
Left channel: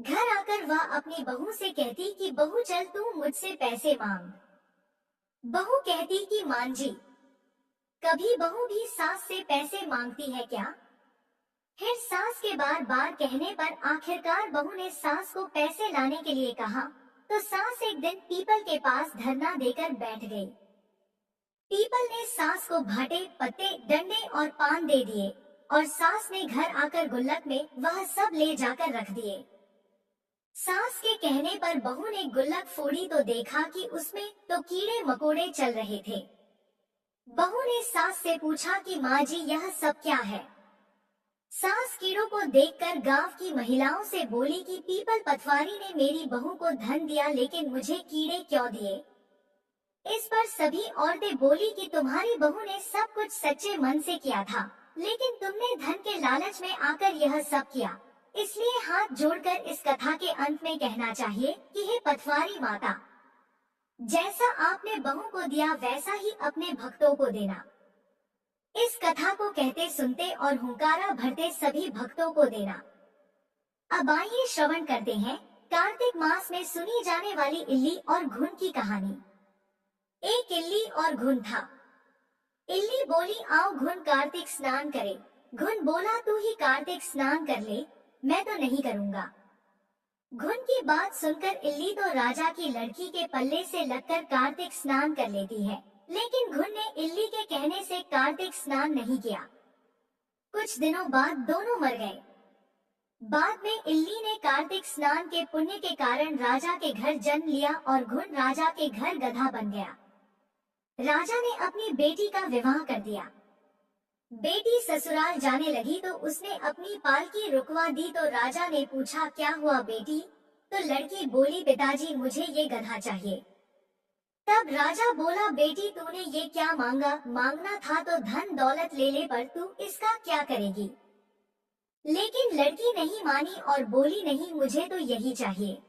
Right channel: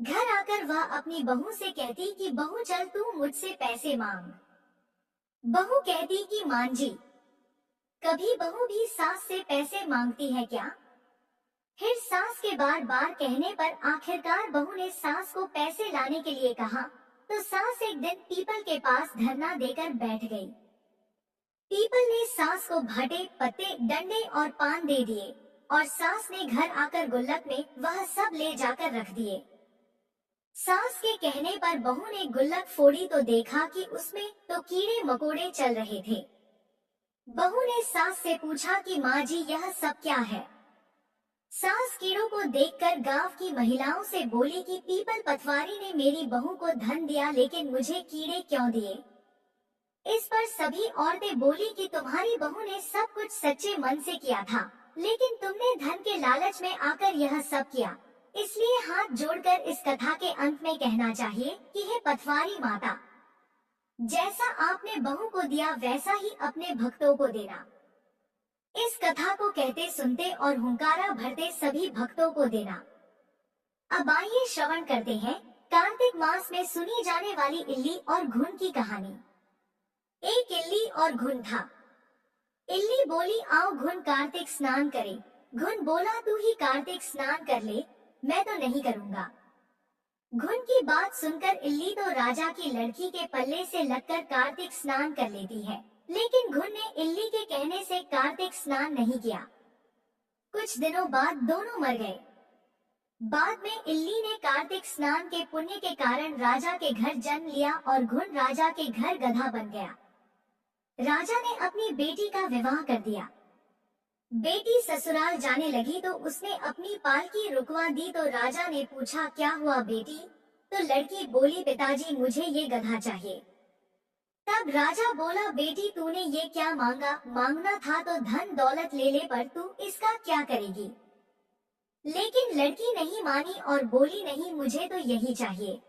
घर आकर वह अपनी बहू से कहती कि बहू चल तू मुझसे पैसे मांग। बहू कहती कि मान जी, कभी बहू भी सास से पैसे मांगती है क्या? फिर सास के बार बार कहने पर आखिरकार बहू ने सास को पैसे लाने के लिए कहा, तो सास एक दिन पीपल के पास धरना देकर बैठ गई। पीपल ने सास को भाटे, पत्ते, डंडे और पान दे दिए और सास ने घर आकर गुल्लक में वह सब ले जाकर रख दिए। सास के कहने पर बहू ने गुल्लक फोड़ी तो देखा कि उसमें तो कीड़े मकोड़े चल रहे थे। बहू ने सास से पूछा कि माँ जी यह सब क्या है? सास कीड़ों को देखकर गांव की महिलाओं से बोली कि पीपल पथवारी ने मेरी बहू को धन दिया, लेकिन मुझे कीड़े क्यों दिए? इस पर सभी औरतें बोली कि तुम्हारी बहू ने सब कुछ सच्चे मन से किया था, लेकिन तुमने धन के लालच में आकर यह सब किया। इसलिए हाथ जोड़कर इस कथा के अंत में कहना चाहिए कि हे पथवारी माता, जैसा आपने बहू को दिया वैसा ही अपने भक्तों को देना। इस कथा को कहते सुनते और हुंकारा भरते सभी भक्तों को देना। अब आइए श्रवण करते हैं कार्तिक मास में सुनी जाने वाली इल्ली और घुन की कहानी। एक इल्ली और घुन था। इल्ली बोली आओ घुन कार्तिक स्नान करे। घुन बोला तू ही कार्तिक स्नान कर ले, मैं तो नहीं करूँगा। घुन की बात सुनकर इल्ली तो राजा की लड़की के पल्ले से लगकर कार्तिक स्नान कर लेती है, लेकिन घुन ने इल्ली के कहने से कार्तिक स्नान नहीं किया। कुछ दिनों बाद दोनों मर गए। बाद में इल्ली ने कार्तिक स्नान के पुण्य के कारण राजा के घर जन्म लिया और घुन राजा के घर गधा बन गया। राजा ने अपनी बेटी का विवाह कर दिया। बेटी ससुराल जाने लगी तो उसने अपनी पालकी रुकवा दी, तो राजा ने पूछा क्या हुआ बेटी? तो लड़की बोली पिताजी मुझे ये गधा चाहिए। तब राजा बोला बेटी तूने ये क्या मांगा? मांगना था तो धन दौलत ले ले, पर तू इसका क्या करेगी? लेकिन लड़की नहीं मानी और बोली नहीं, मुझे तो यही चाहिए।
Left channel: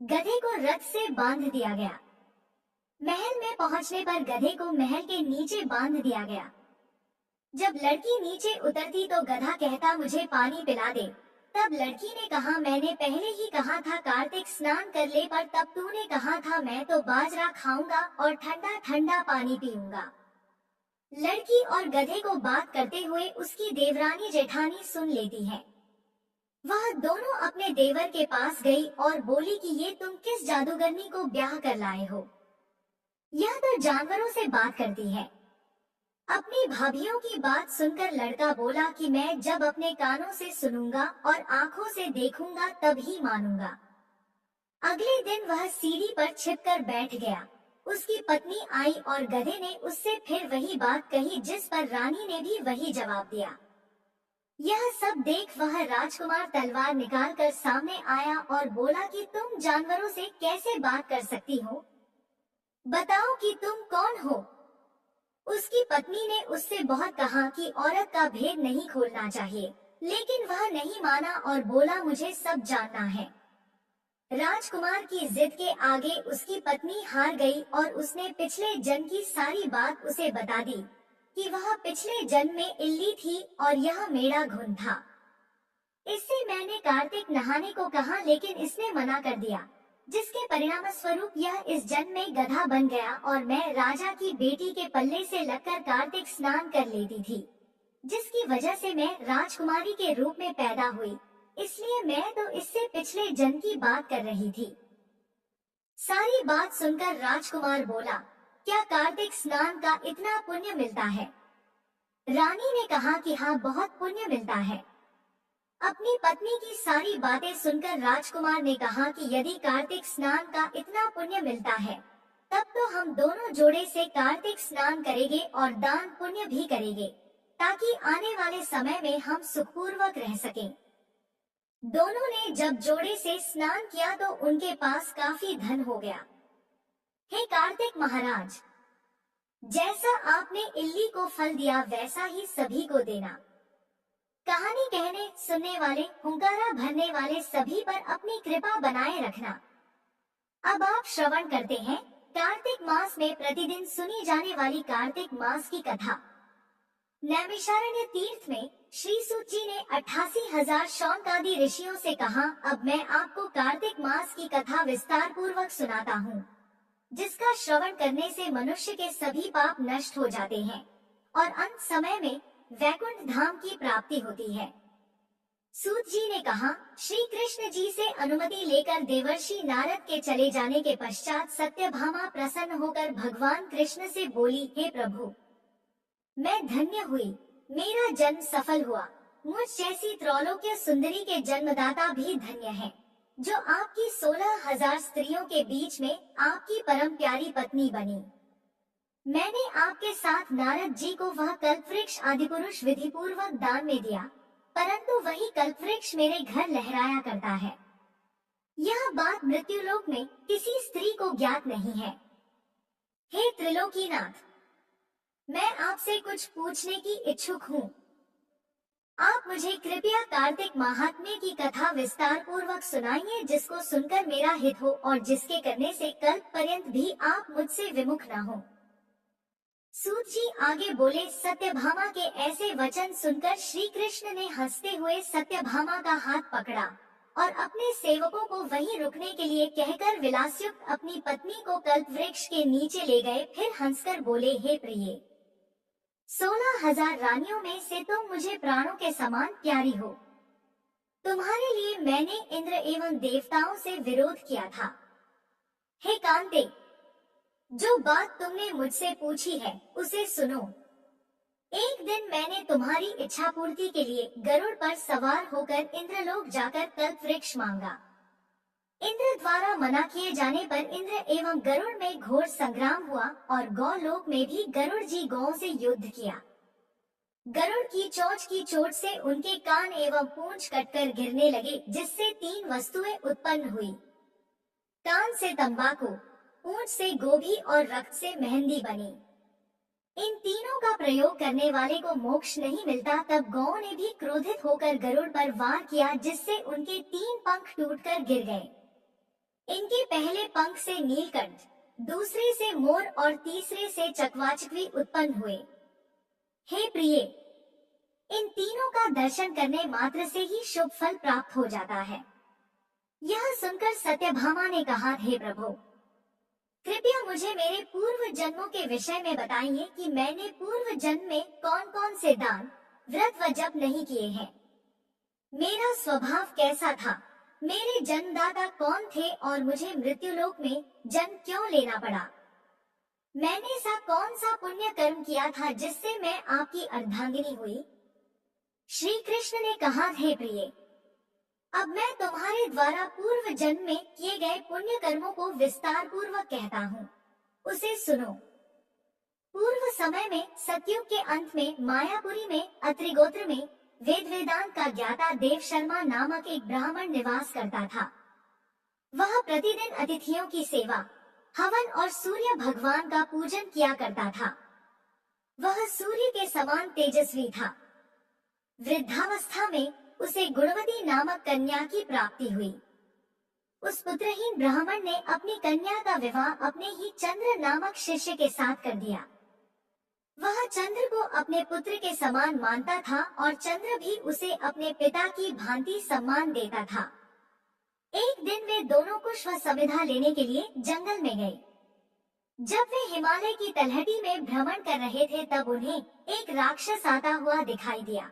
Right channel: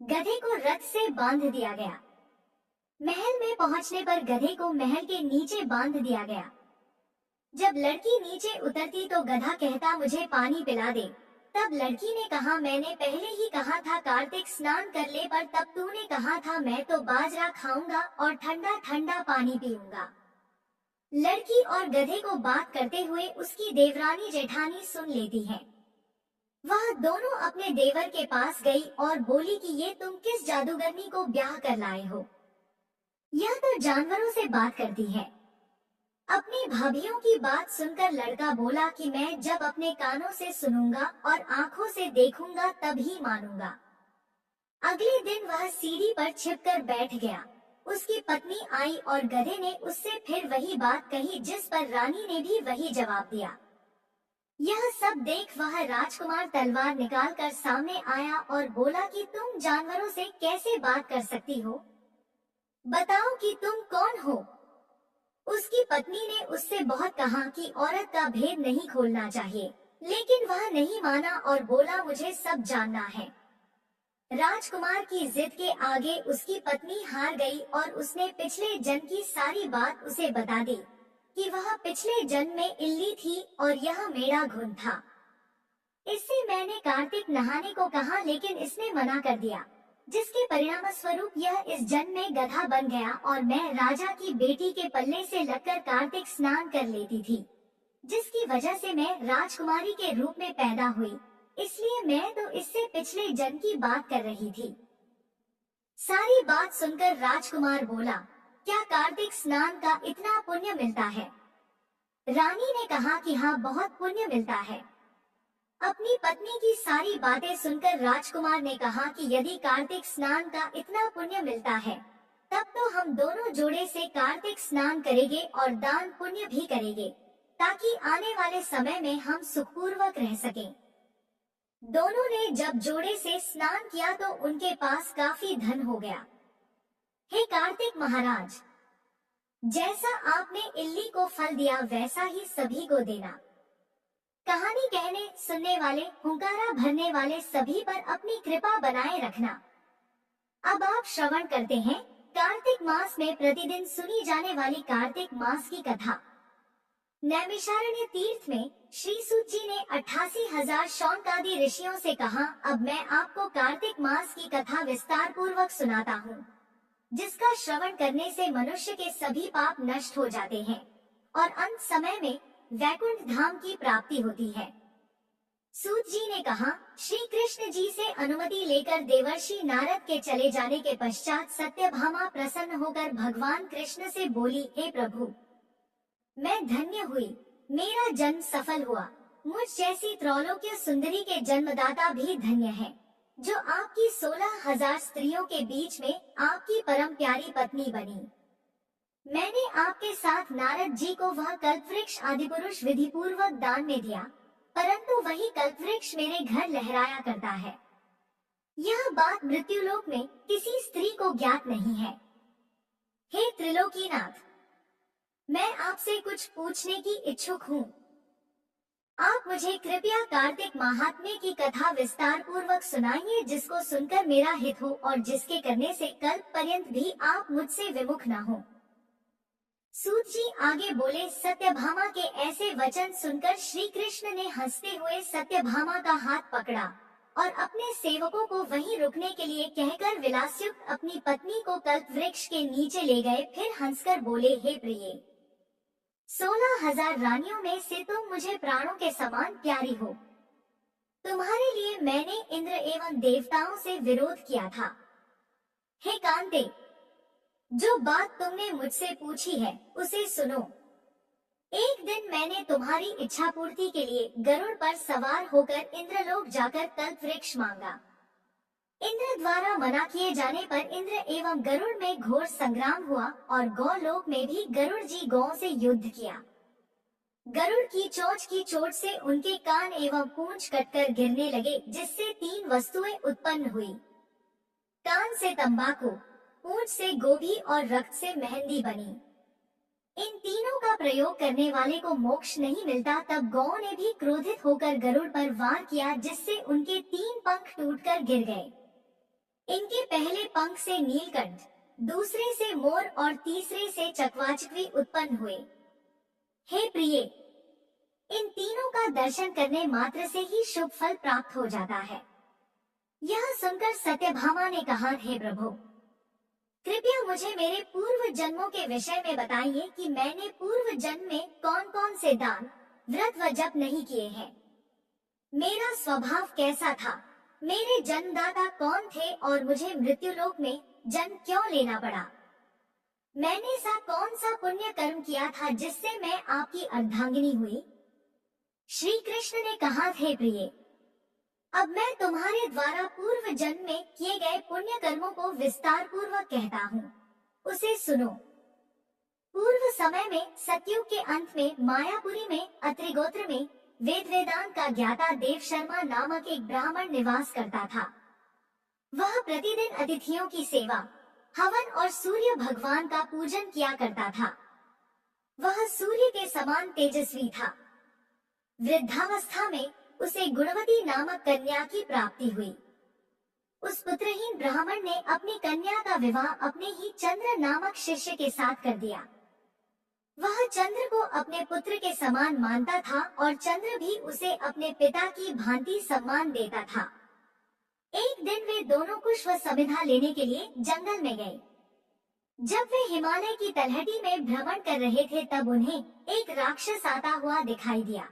गधे को रथ से बांध दिया गया। महल में पहुंचने पर गधे को महल के नीचे बांध दिया गया। जब लड़की नीचे उतरती तो गधा कहता मुझे पानी पिला दे। तब लड़की ने कहा मैंने पहले ही कहा था कार्तिक स्नान कर ले, पर तब तूने कहा था मैं तो बाजरा खाऊंगा और ठंडा ठंडा पानी पीऊंगा। लड़की और गधे को बात करते हुए उसकी देवरानी जेठानी सुन लेती है। वह दोनों अपने देवर के पास गई और बोली कि ये तुम किस जादूगरनी को ब्याह कर लाए हो? यह तो जानवरों से बात करती है। अपनी भाभियों की बात सुनकर लड़का बोला कि मैं जब अपने कानों से सुनूंगा और आंखों से देखूंगा तब ही मानूंगा। अगले दिन वह सीढ़ी पर छिपकर बैठ गया। उसकी पत्नी आई और गधे ने उससे फिर वही बात कही, जिस पर रानी ने भी वही जवाब दिया। यह सब देख वह राजकुमार तलवार निकालकर सामने आया और बोला कि तुम जानवरों से कैसे बात कर सकती हो? बताओ कि तुम कौन हो? उसकी पत्नी ने उससे बहुत कहा कि औरत का भेद नहीं खोलना चाहिए, लेकिन वह नहीं माना और बोला मुझे सब जानना है। राजकुमार की जिद के आगे उसकी पत्नी हार गई और उसने पिछले जन्म की सारी बात उसे बता दी कि वह पिछले जन्म में इल्ली थी और यह मेरा घुन था। इससे मैंने कार्तिक नहाने को कहा, लेकिन इसने मना कर दिया, जिसके परिणाम स्वरूप यह इस जन्म में गधा बन गया और मैं राजा की बेटी के पल्ले से लगकर कार्तिक स्नान कर लेती थी, जिसकी वजह से मैं राजकुमारी के रूप में पैदा हुई। इसलिए मैं तो इससे पिछले जन्म की बात कर रही थी। सारी बात सुनकर राजकुमार बोला, क्या कार्तिक स्नान का इतना पुण्य मिलता है? रानी ने कहा कि हाँ, बहुत पुण्य मिलता है। अपनी पत्नी की सारी बातें सुनकर राजकुमार ने कहा कि यदि कार्तिक स्नान का इतना पुण्य मिलता है, तब तो हम दोनों जोड़े से कार्तिक स्नान करेंगे और दान पुण्य भी करेंगे, ताकि आने वाले समय में हम सुखपूर्वक रह सकें। दोनों ने जब जोड़े से स्नान किया तो उनके पास काफी धन हो गया। हे कार्तिक महाराज, जैसा आपने इल्ली को फल दिया वैसा ही सभी को देना। कहानी कहने सुनने वाले हुंकारा भरने वाले सभी पर अपनी कृपा बनाए रखना। अब आप श्रवण करते हैं कार्तिक मास में प्रतिदिन सुनी जाने वाली कार्तिक मास की कथा। नैमिषारण्य तीर्थ में श्री सूत जी ने 88,000 शौनकादि ऋषियों से कहा, अब मैं आपको कार्तिक मास की कथा विस्तार पूर्वक सुनाता हूँ, जिसका श्रवण करने से मनुष्य के सभी पाप नष्ट हो जाते हैं और अंत समय में वैकुंठ धाम की प्राप्ति होती है। सूत जी ने कहा, श्री कृष्ण जी से अनुमति लेकर देवर्षि नारद के चले जाने के पश्चात सत्यभामा प्रसन्न होकर भगवान कृष्ण से बोली, हे प्रभु, मैं धन्य हुई, मेरा जन्म सफल हुआ। मुझ जैसी त्रैलोक्य सुंदरी के जन्मदाता भी धन्य है, जो आपकी 16,000 स्त्रियों के बीच में आपकी परम प्यारी पत्नी बनी। मैंने आपके साथ नारद जी को वह कल्पवृक्ष आदिपुरुष विधि पूर्वक दान में दिया, परंतु वही कल्पवृक्ष मेरे घर लहराया करता है। यह बात मृत्युलोक में किसी स्त्री को ज्ञात नहीं है। हे त्रिलोकीनाथ, मैं आपसे कुछ पूछने की इच्छुक हूँ। आप मुझे कृपया कार्तिक महात्म्य की कथा विस्तार पूर्वक सुनाइए, जिसको सुनकर मेरा हित हो और जिसके करने से कल्प पर्यंत भी आप मुझसे विमुख न हो। सूत जी आगे बोले, सत्यभामा के ऐसे वचन सुनकर श्री कृष्ण ने हंसते हुए सत्यभामा का हाथ पकड़ा और अपने सेवकों को वहीं रुकने के लिए कहकर विलासयुक्त अपनी पत्नी को कल्पवृक्ष के नीचे ले गए। फिर हंसकर बोले, हे प्रिय, 16,000 रानियों में से तुम मुझे प्राणों के समान प्यारी हो। तुम्हारे लिए मैंने इंद्र एवं देवताओं से विरोध किया था। हे कांते, जो बात तुमने मुझसे पूछी है उसे सुनो। एक दिन मैंने तुम्हारी इच्छा पूर्ति के लिए गरुड़ पर सवार होकर इंद्रलोक जाकर कल्पवृक्ष मांगा। इंद्र द्वारा मना किए जाने पर इंद्र एवं गरुड़ में घोर संग्राम हुआ और गौलोक में भी गरुड़ जी गौओं से युद्ध किया। गरुड़ की चोंच की चोट से उनके कान एवं पूंछ कटकर गिरने लगे, जिससे 3 वस्तुएं उत्पन्न हुई। कान से तंबाकू, पूंछ से गोभी और रक्त से मेहंदी बनी। इन तीनों का प्रयोग करने वाले को मोक्ष नहीं मिलता। तब गौओं ने भी क्रोधित होकर गरुड़ पर वार किया, जिससे उनके 3 पंख टूटकर गिर गए। इनके पहले पंख से नीलकंठ, दूसरे से मोर और तीसरे से चकवाचकवी उत्पन्न हुए। हे प्रिय, इन तीनों का दर्शन करने मात्र से ही शुभ फल प्राप्त हो जाता है। यह सुनकर सत्यभामा ने कहा, हे प्रभु, कृपया मुझे मेरे पूर्व जन्मों के विषय में बताइए कि मैंने पूर्व जन्म में कौन कौन से दान, व्रत व जप नहीं किए हैं। मेरा स्वभाव कैसा था, मेरे जन्मदाता कौन थे और मुझे मृत्युलोक में जन्म क्यों लेना पड़ा। मैंने सा कौन सा पुण्य कर्म किया था जिससे मैं आपकी अर्धांगिनी हुई। श्री कृष्ण ने कहा, हे प्रिय, अब मैं तुम्हारे द्वारा पूर्व जन्म में किए गए पुण्य कर्मों को विस्तार पूर्वक कहता हूँ, उसे सुनो। पूर्व समय में सतयुग के अंत में मायापुरी में अत्रि गोत्र में वेद वेदांत का ज्ञाता देव शर्मा नामक एक ब्राह्मण निवास करता था। वह प्रतिदिन अतिथियों की सेवा, हवन और सूर्य भगवान का पूजन किया करता था। वह सूर्य के समान तेजस्वी था। वृद्धावस्था में उसे गुणवती नामक कन्या की प्राप्ति हुई। उस पुत्रहीन ब्राह्मण ने अपनी कन्या का विवाह अपने ही चंद्र नामक शिष्य के साथ कर दिया। वह चंद्र को अपने पुत्र के समान मानता था और चंद्र भी उसे अपने पिता की भांति सम्मान देता था। एक दिन वे दोनों पुष्प समिधा लेने के लिए जंगल में गए। जब वे हिमालय की तलहटी में भ्रमण कर रहे थे, तब उन्हें एक राक्षस आता हुआ दिखाई दिया।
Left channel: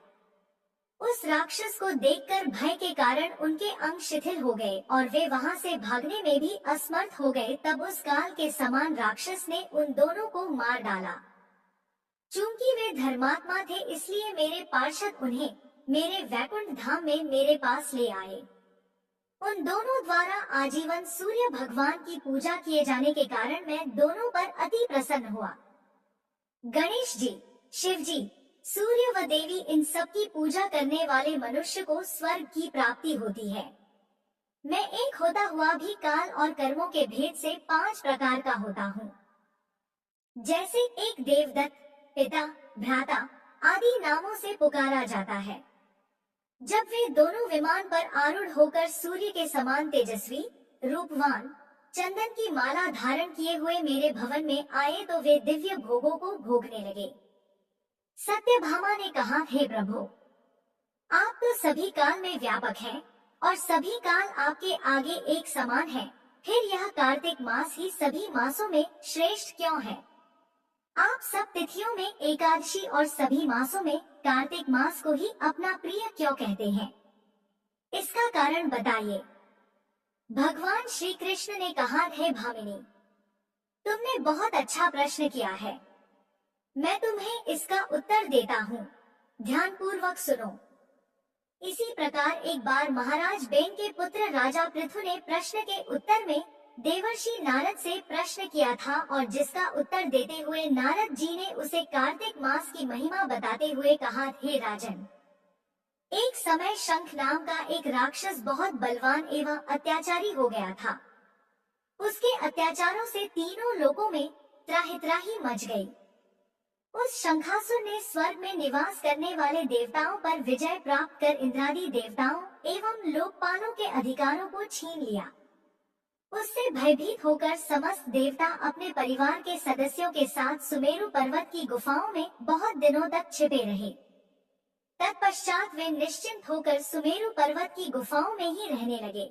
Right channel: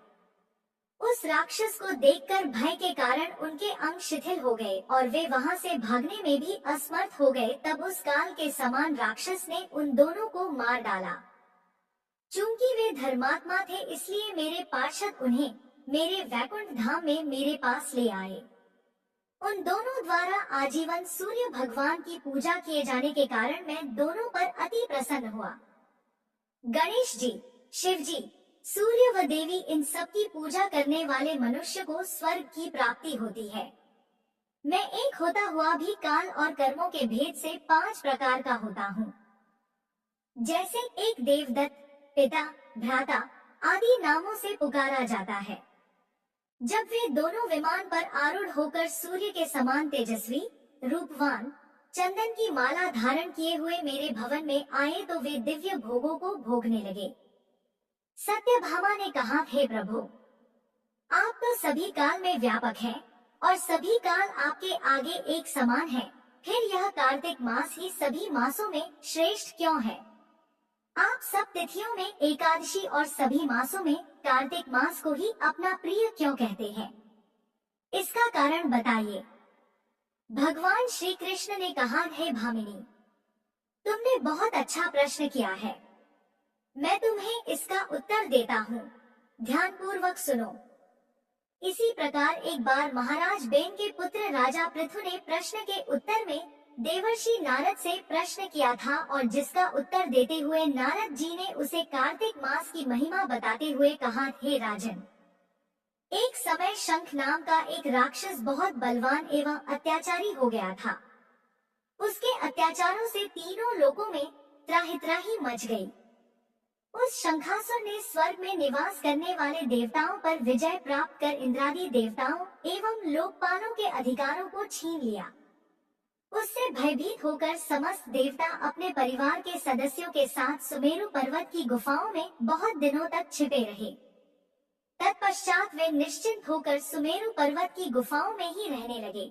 उस राक्षस को देखकर भय के कारण उनके अंग शिथिल हो गए और वे वहां से भागने में भी असमर्थ हो गए। तब उस काल के समान राक्षस ने उन दोनों को मार डाला। चूंकि वे धर्मात्मा थे, इसलिए मेरे पार्षद उन्हें मेरे वैकुंठ धाम में मेरे पास ले आए। उन दोनों द्वारा आजीवन सूर्य भगवान की पूजा किए जाने के कारण मैं दोनों पर अति प्रसन्न हुआ। गणेश जी, शिव जी, सूर्य व देवी, इन सब की पूजा करने वाले मनुष्य को स्वर्ग की प्राप्ति होती है। मैं एक होता हुआ भी काल और कर्मों के भेद से 5 प्रकार का होता हूँ। जैसे एक देवदत्त, पिता, भ्राता आदि नामों से पुकारा जाता है। जब वे दोनों विमान पर आरूढ़ होकर सूर्य के समान तेजस्वी, रूपवान, चंदन की माला धारण किए हुए मेरे भवन में आए तो वे दिव्य भोगों को भोगने लगे। सत्यभामा ने कहा, हे प्रभु, आप तो सभी काल में व्यापक हैं और सभी काल आपके आगे एक समान है। फिर यह कार्तिक मास ही सभी मासों में श्रेष्ठ क्यों है? आप सब तिथियों में एकादशी और सभी मासों में कार्तिक मास को ही अपना प्रिय क्यों कहते हैं? इसका कारण बताइए। भगवान श्री कृष्ण ने कहा, हे भामिनी, तुमने बहुत अच्छा प्रश्न किया है। मैं तुम्हें इसका उत्तर देता हूँ, ध्यान पूर्वक सुनो। इसी प्रकार एक बार महाराज बेन के पुत्र राजा पृथु ने प्रश्न के उत्तर में देवर्षि नारद से प्रश्न किया था और जिसका उत्तर देते हुए नारद जी ने उसे कार्तिक मास की महिमा बताते हुए कहा, हे राजन, एक समय शंख नाम का एक राक्षस बहुत बलवान एवं अत्याचारी हो गया था। उसके अत्याचारों से तीनों लोकों में त्राहि त्राहि मच गई। उस शंखासुर ने स्वर्ग में निवास करने वाले देवताओं पर विजय प्राप्त कर इंद्रादि देवताओं एवं लोकपालों के अधिकारों को छीन लिया। उससे भयभीत होकर समस्त देवता अपने परिवार के सदस्यों के साथ सुमेरु पर्वत की गुफाओं में बहुत दिनों तक छिपे रहे। तत्पश्चात वे निश्चिंत होकर सुमेरु पर्वत की गुफाओं में ही रहने लगे।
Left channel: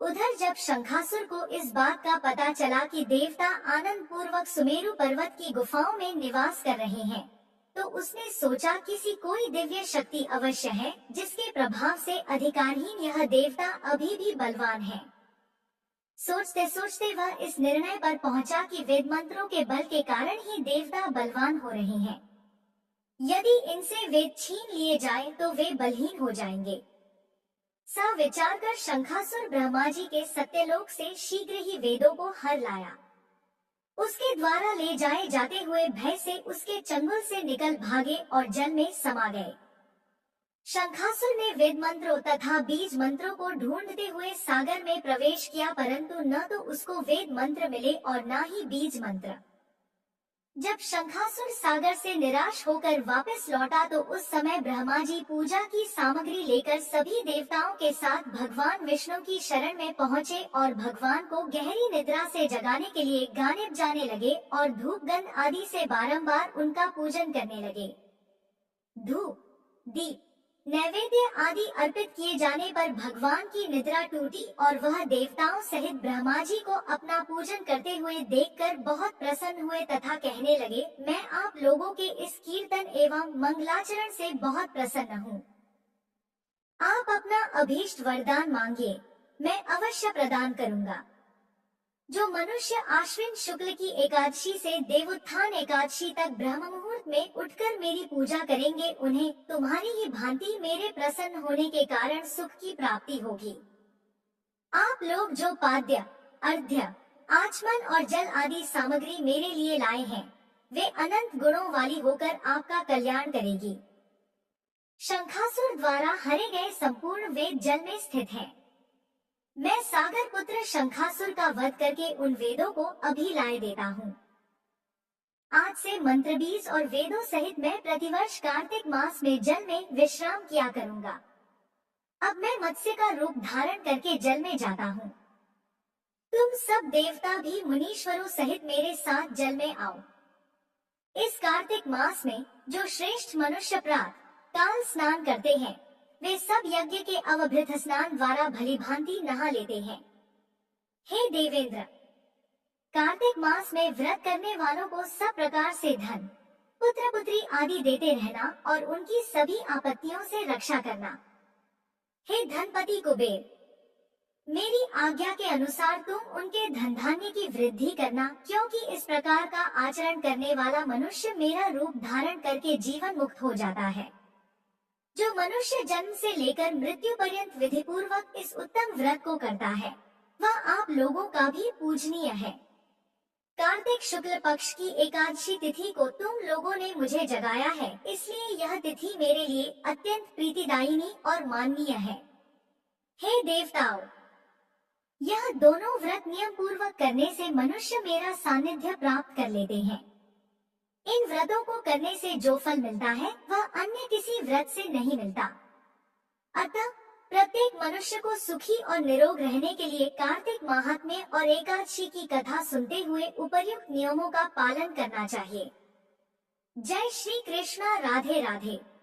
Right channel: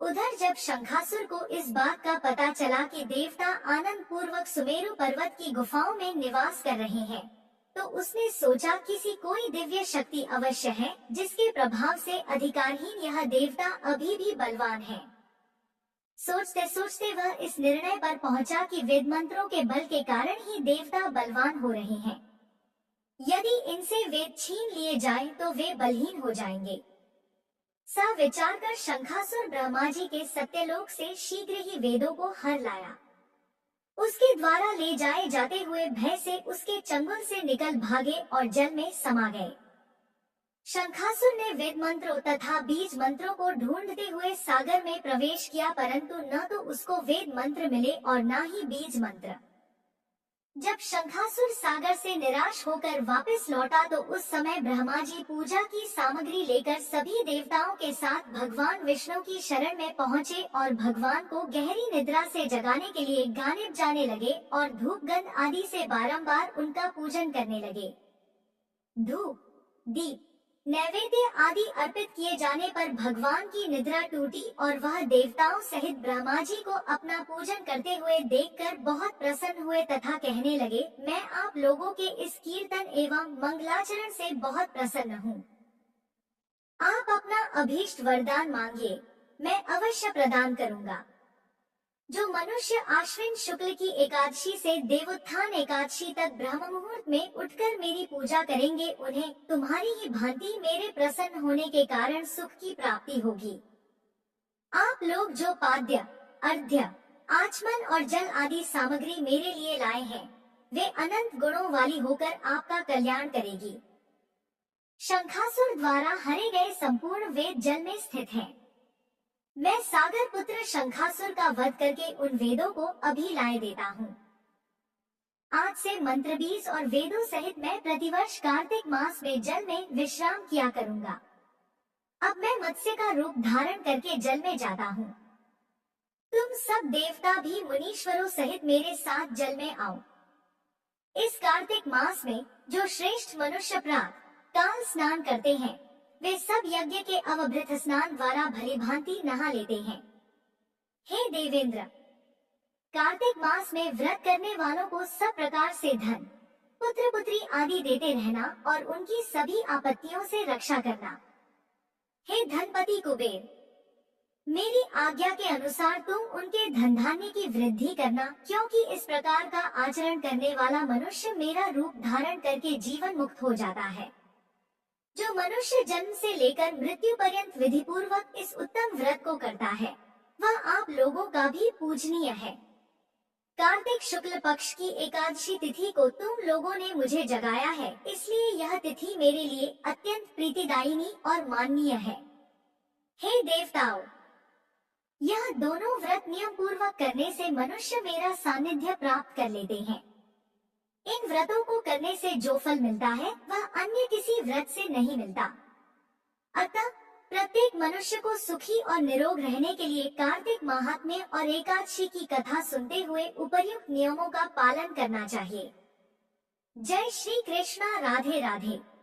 उधर जब शंखासुर को इस बात का पता चला कि देवता आनंद पूर्वक सुमेरु पर्वत की गुफाओं में निवास कर रहे हैं, तो उसने सोचा किसी कोई दिव्य शक्ति अवश्य है जिसके प्रभाव से अधिकारहीन यह देवता अभी भी बलवान है। सोचते सोचते वह इस निर्णय पर पहुंचा कि वेद मंत्रों के बल के कारण ही देवता बलवान हो रहे हैं। यदि इनसे वेद छीन लिए जाएं तो वे बलहीन हो जाएंगे। सा विचार कर शंखासुर ब्रह्मा जी के सत्यलोक से शीघ्र ही वेदों को हर लाया। उसके द्वारा ले जाए जाते हुए भय से उसके चंगुल से निकल भागे और जल में समा गए। शंखासुर ने वेद मंत्रों तथा बीज मंत्रों को ढूंढते हुए सागर में प्रवेश किया, परंतु न तो उसको वेद मंत्र मिले और न ही बीज मंत्र। जब शंखासुर सागर से निराश होकर वापस लौटा तो उस समय ब्रह्मा जी पूजा की सामग्री लेकर सभी देवताओं के साथ भगवान विष्णु की शरण में पहुँचे और भगवान को गहरी निद्रा से जगाने के लिए गाने बजाने लगे और धूप गंध आदि से बारंबार उनका पूजन करने लगे। धूप, दीप, नैवेद्य आदि अर्पित किए जाने पर भगवान की निद्रा टूटी और वह देवताओं सहित ब्रह्मा जी को अपना पूजन करते हुए देखकर बहुत प्रसन्न हुए तथा कहने लगे, मैं आप लोगों के इस कीर्तन एवं मंगलाचरण से बहुत प्रसन्न हूँ। आप अपना अभीष्ट वरदान मांगिए, मैं अवश्य प्रदान करूँगा। जो मनुष्य आश्विन शुक्ल की एकादशी से देवोत्थान एकादशी तक ब्रह्म मुहूर्त में उठकर मेरी पूजा करेंगे, उन्हें तुम्हारी ही भांति मेरे प्रसन्न होने के कारण सुख की प्राप्ति होगी। आप लोग जो पाद्य, अर्घ्य, आचमन और जल आदि सामग्री मेरे लिए लाए हैं, वे अनंत गुणों वाली होकर आपका कल्याण करेगी। शंखासुर द्वारा हरे गए संपूर्ण वेद जल में स्थित है। मैं सागर पुत्र शंखासुर का वध करके उन वेदों को अभी लाए देता हूँ। आज से मंत्र बीज और वेदों सहित मैं प्रतिवर्ष कार्तिक मास में जल में विश्राम किया करूँगा। अब मैं मत्स्य का रूप धारण करके जल में जाता हूँ। तुम सब देवता भी मुनीश्वरों सहित मेरे साथ जल में आओ। इस कार्तिक मास में जो श्रेष्ठ मनुष्य प्रातः काल स्नान करते हैं, वे सब यज्ञ के अवभृत स्नान द्वारा भली भांति नहा लेते हैं। हे देवेंद्र, कार्तिक मास में व्रत करने वालों को सब प्रकार से धन, पुत्र पुत्री आदि देते रहना और उनकी सभी आपत्तियों से रक्षा करना। हे धनपति कुबेर, मेरी आज्ञा के अनुसार तुम उनके धन धान्य की वृद्धि करना, क्योंकि इस प्रकार का आचरण करने वाला मनुष्य मेरा रूप धारण करके जीवन मुक्त हो जाता है। जो मनुष्य जन्म से लेकर मृत्यु पर्यंत विधि पूर्वक इस उत्तम व्रत को करता है, वह आप लोगों का भी पूजनीय है। कार्तिक शुक्ल पक्ष की एकादशी तिथि को तुम लोगों ने मुझे जगाया है, इसलिए यह तिथि मेरे लिए अत्यंत प्रीतिदायिनी और माननीय है। हे देवताओं, यह दोनों व्रत नियम पूर्वक करने से मनुष्य मेरा सानिध्य प्राप्त कर लेते हैं। इन व्रतों को करने से जो फल मिलता है वह अन्य किसी व्रत से नहीं मिलता। अतः प्रत्येक मनुष्य को सुखी और निरोग रहने के लिए कार्तिक माहात्म्य और एकादशी की कथा सुनते हुए उपर्युक्त नियमों का पालन करना चाहिए। जय श्री कृष्णा। राधे राधे।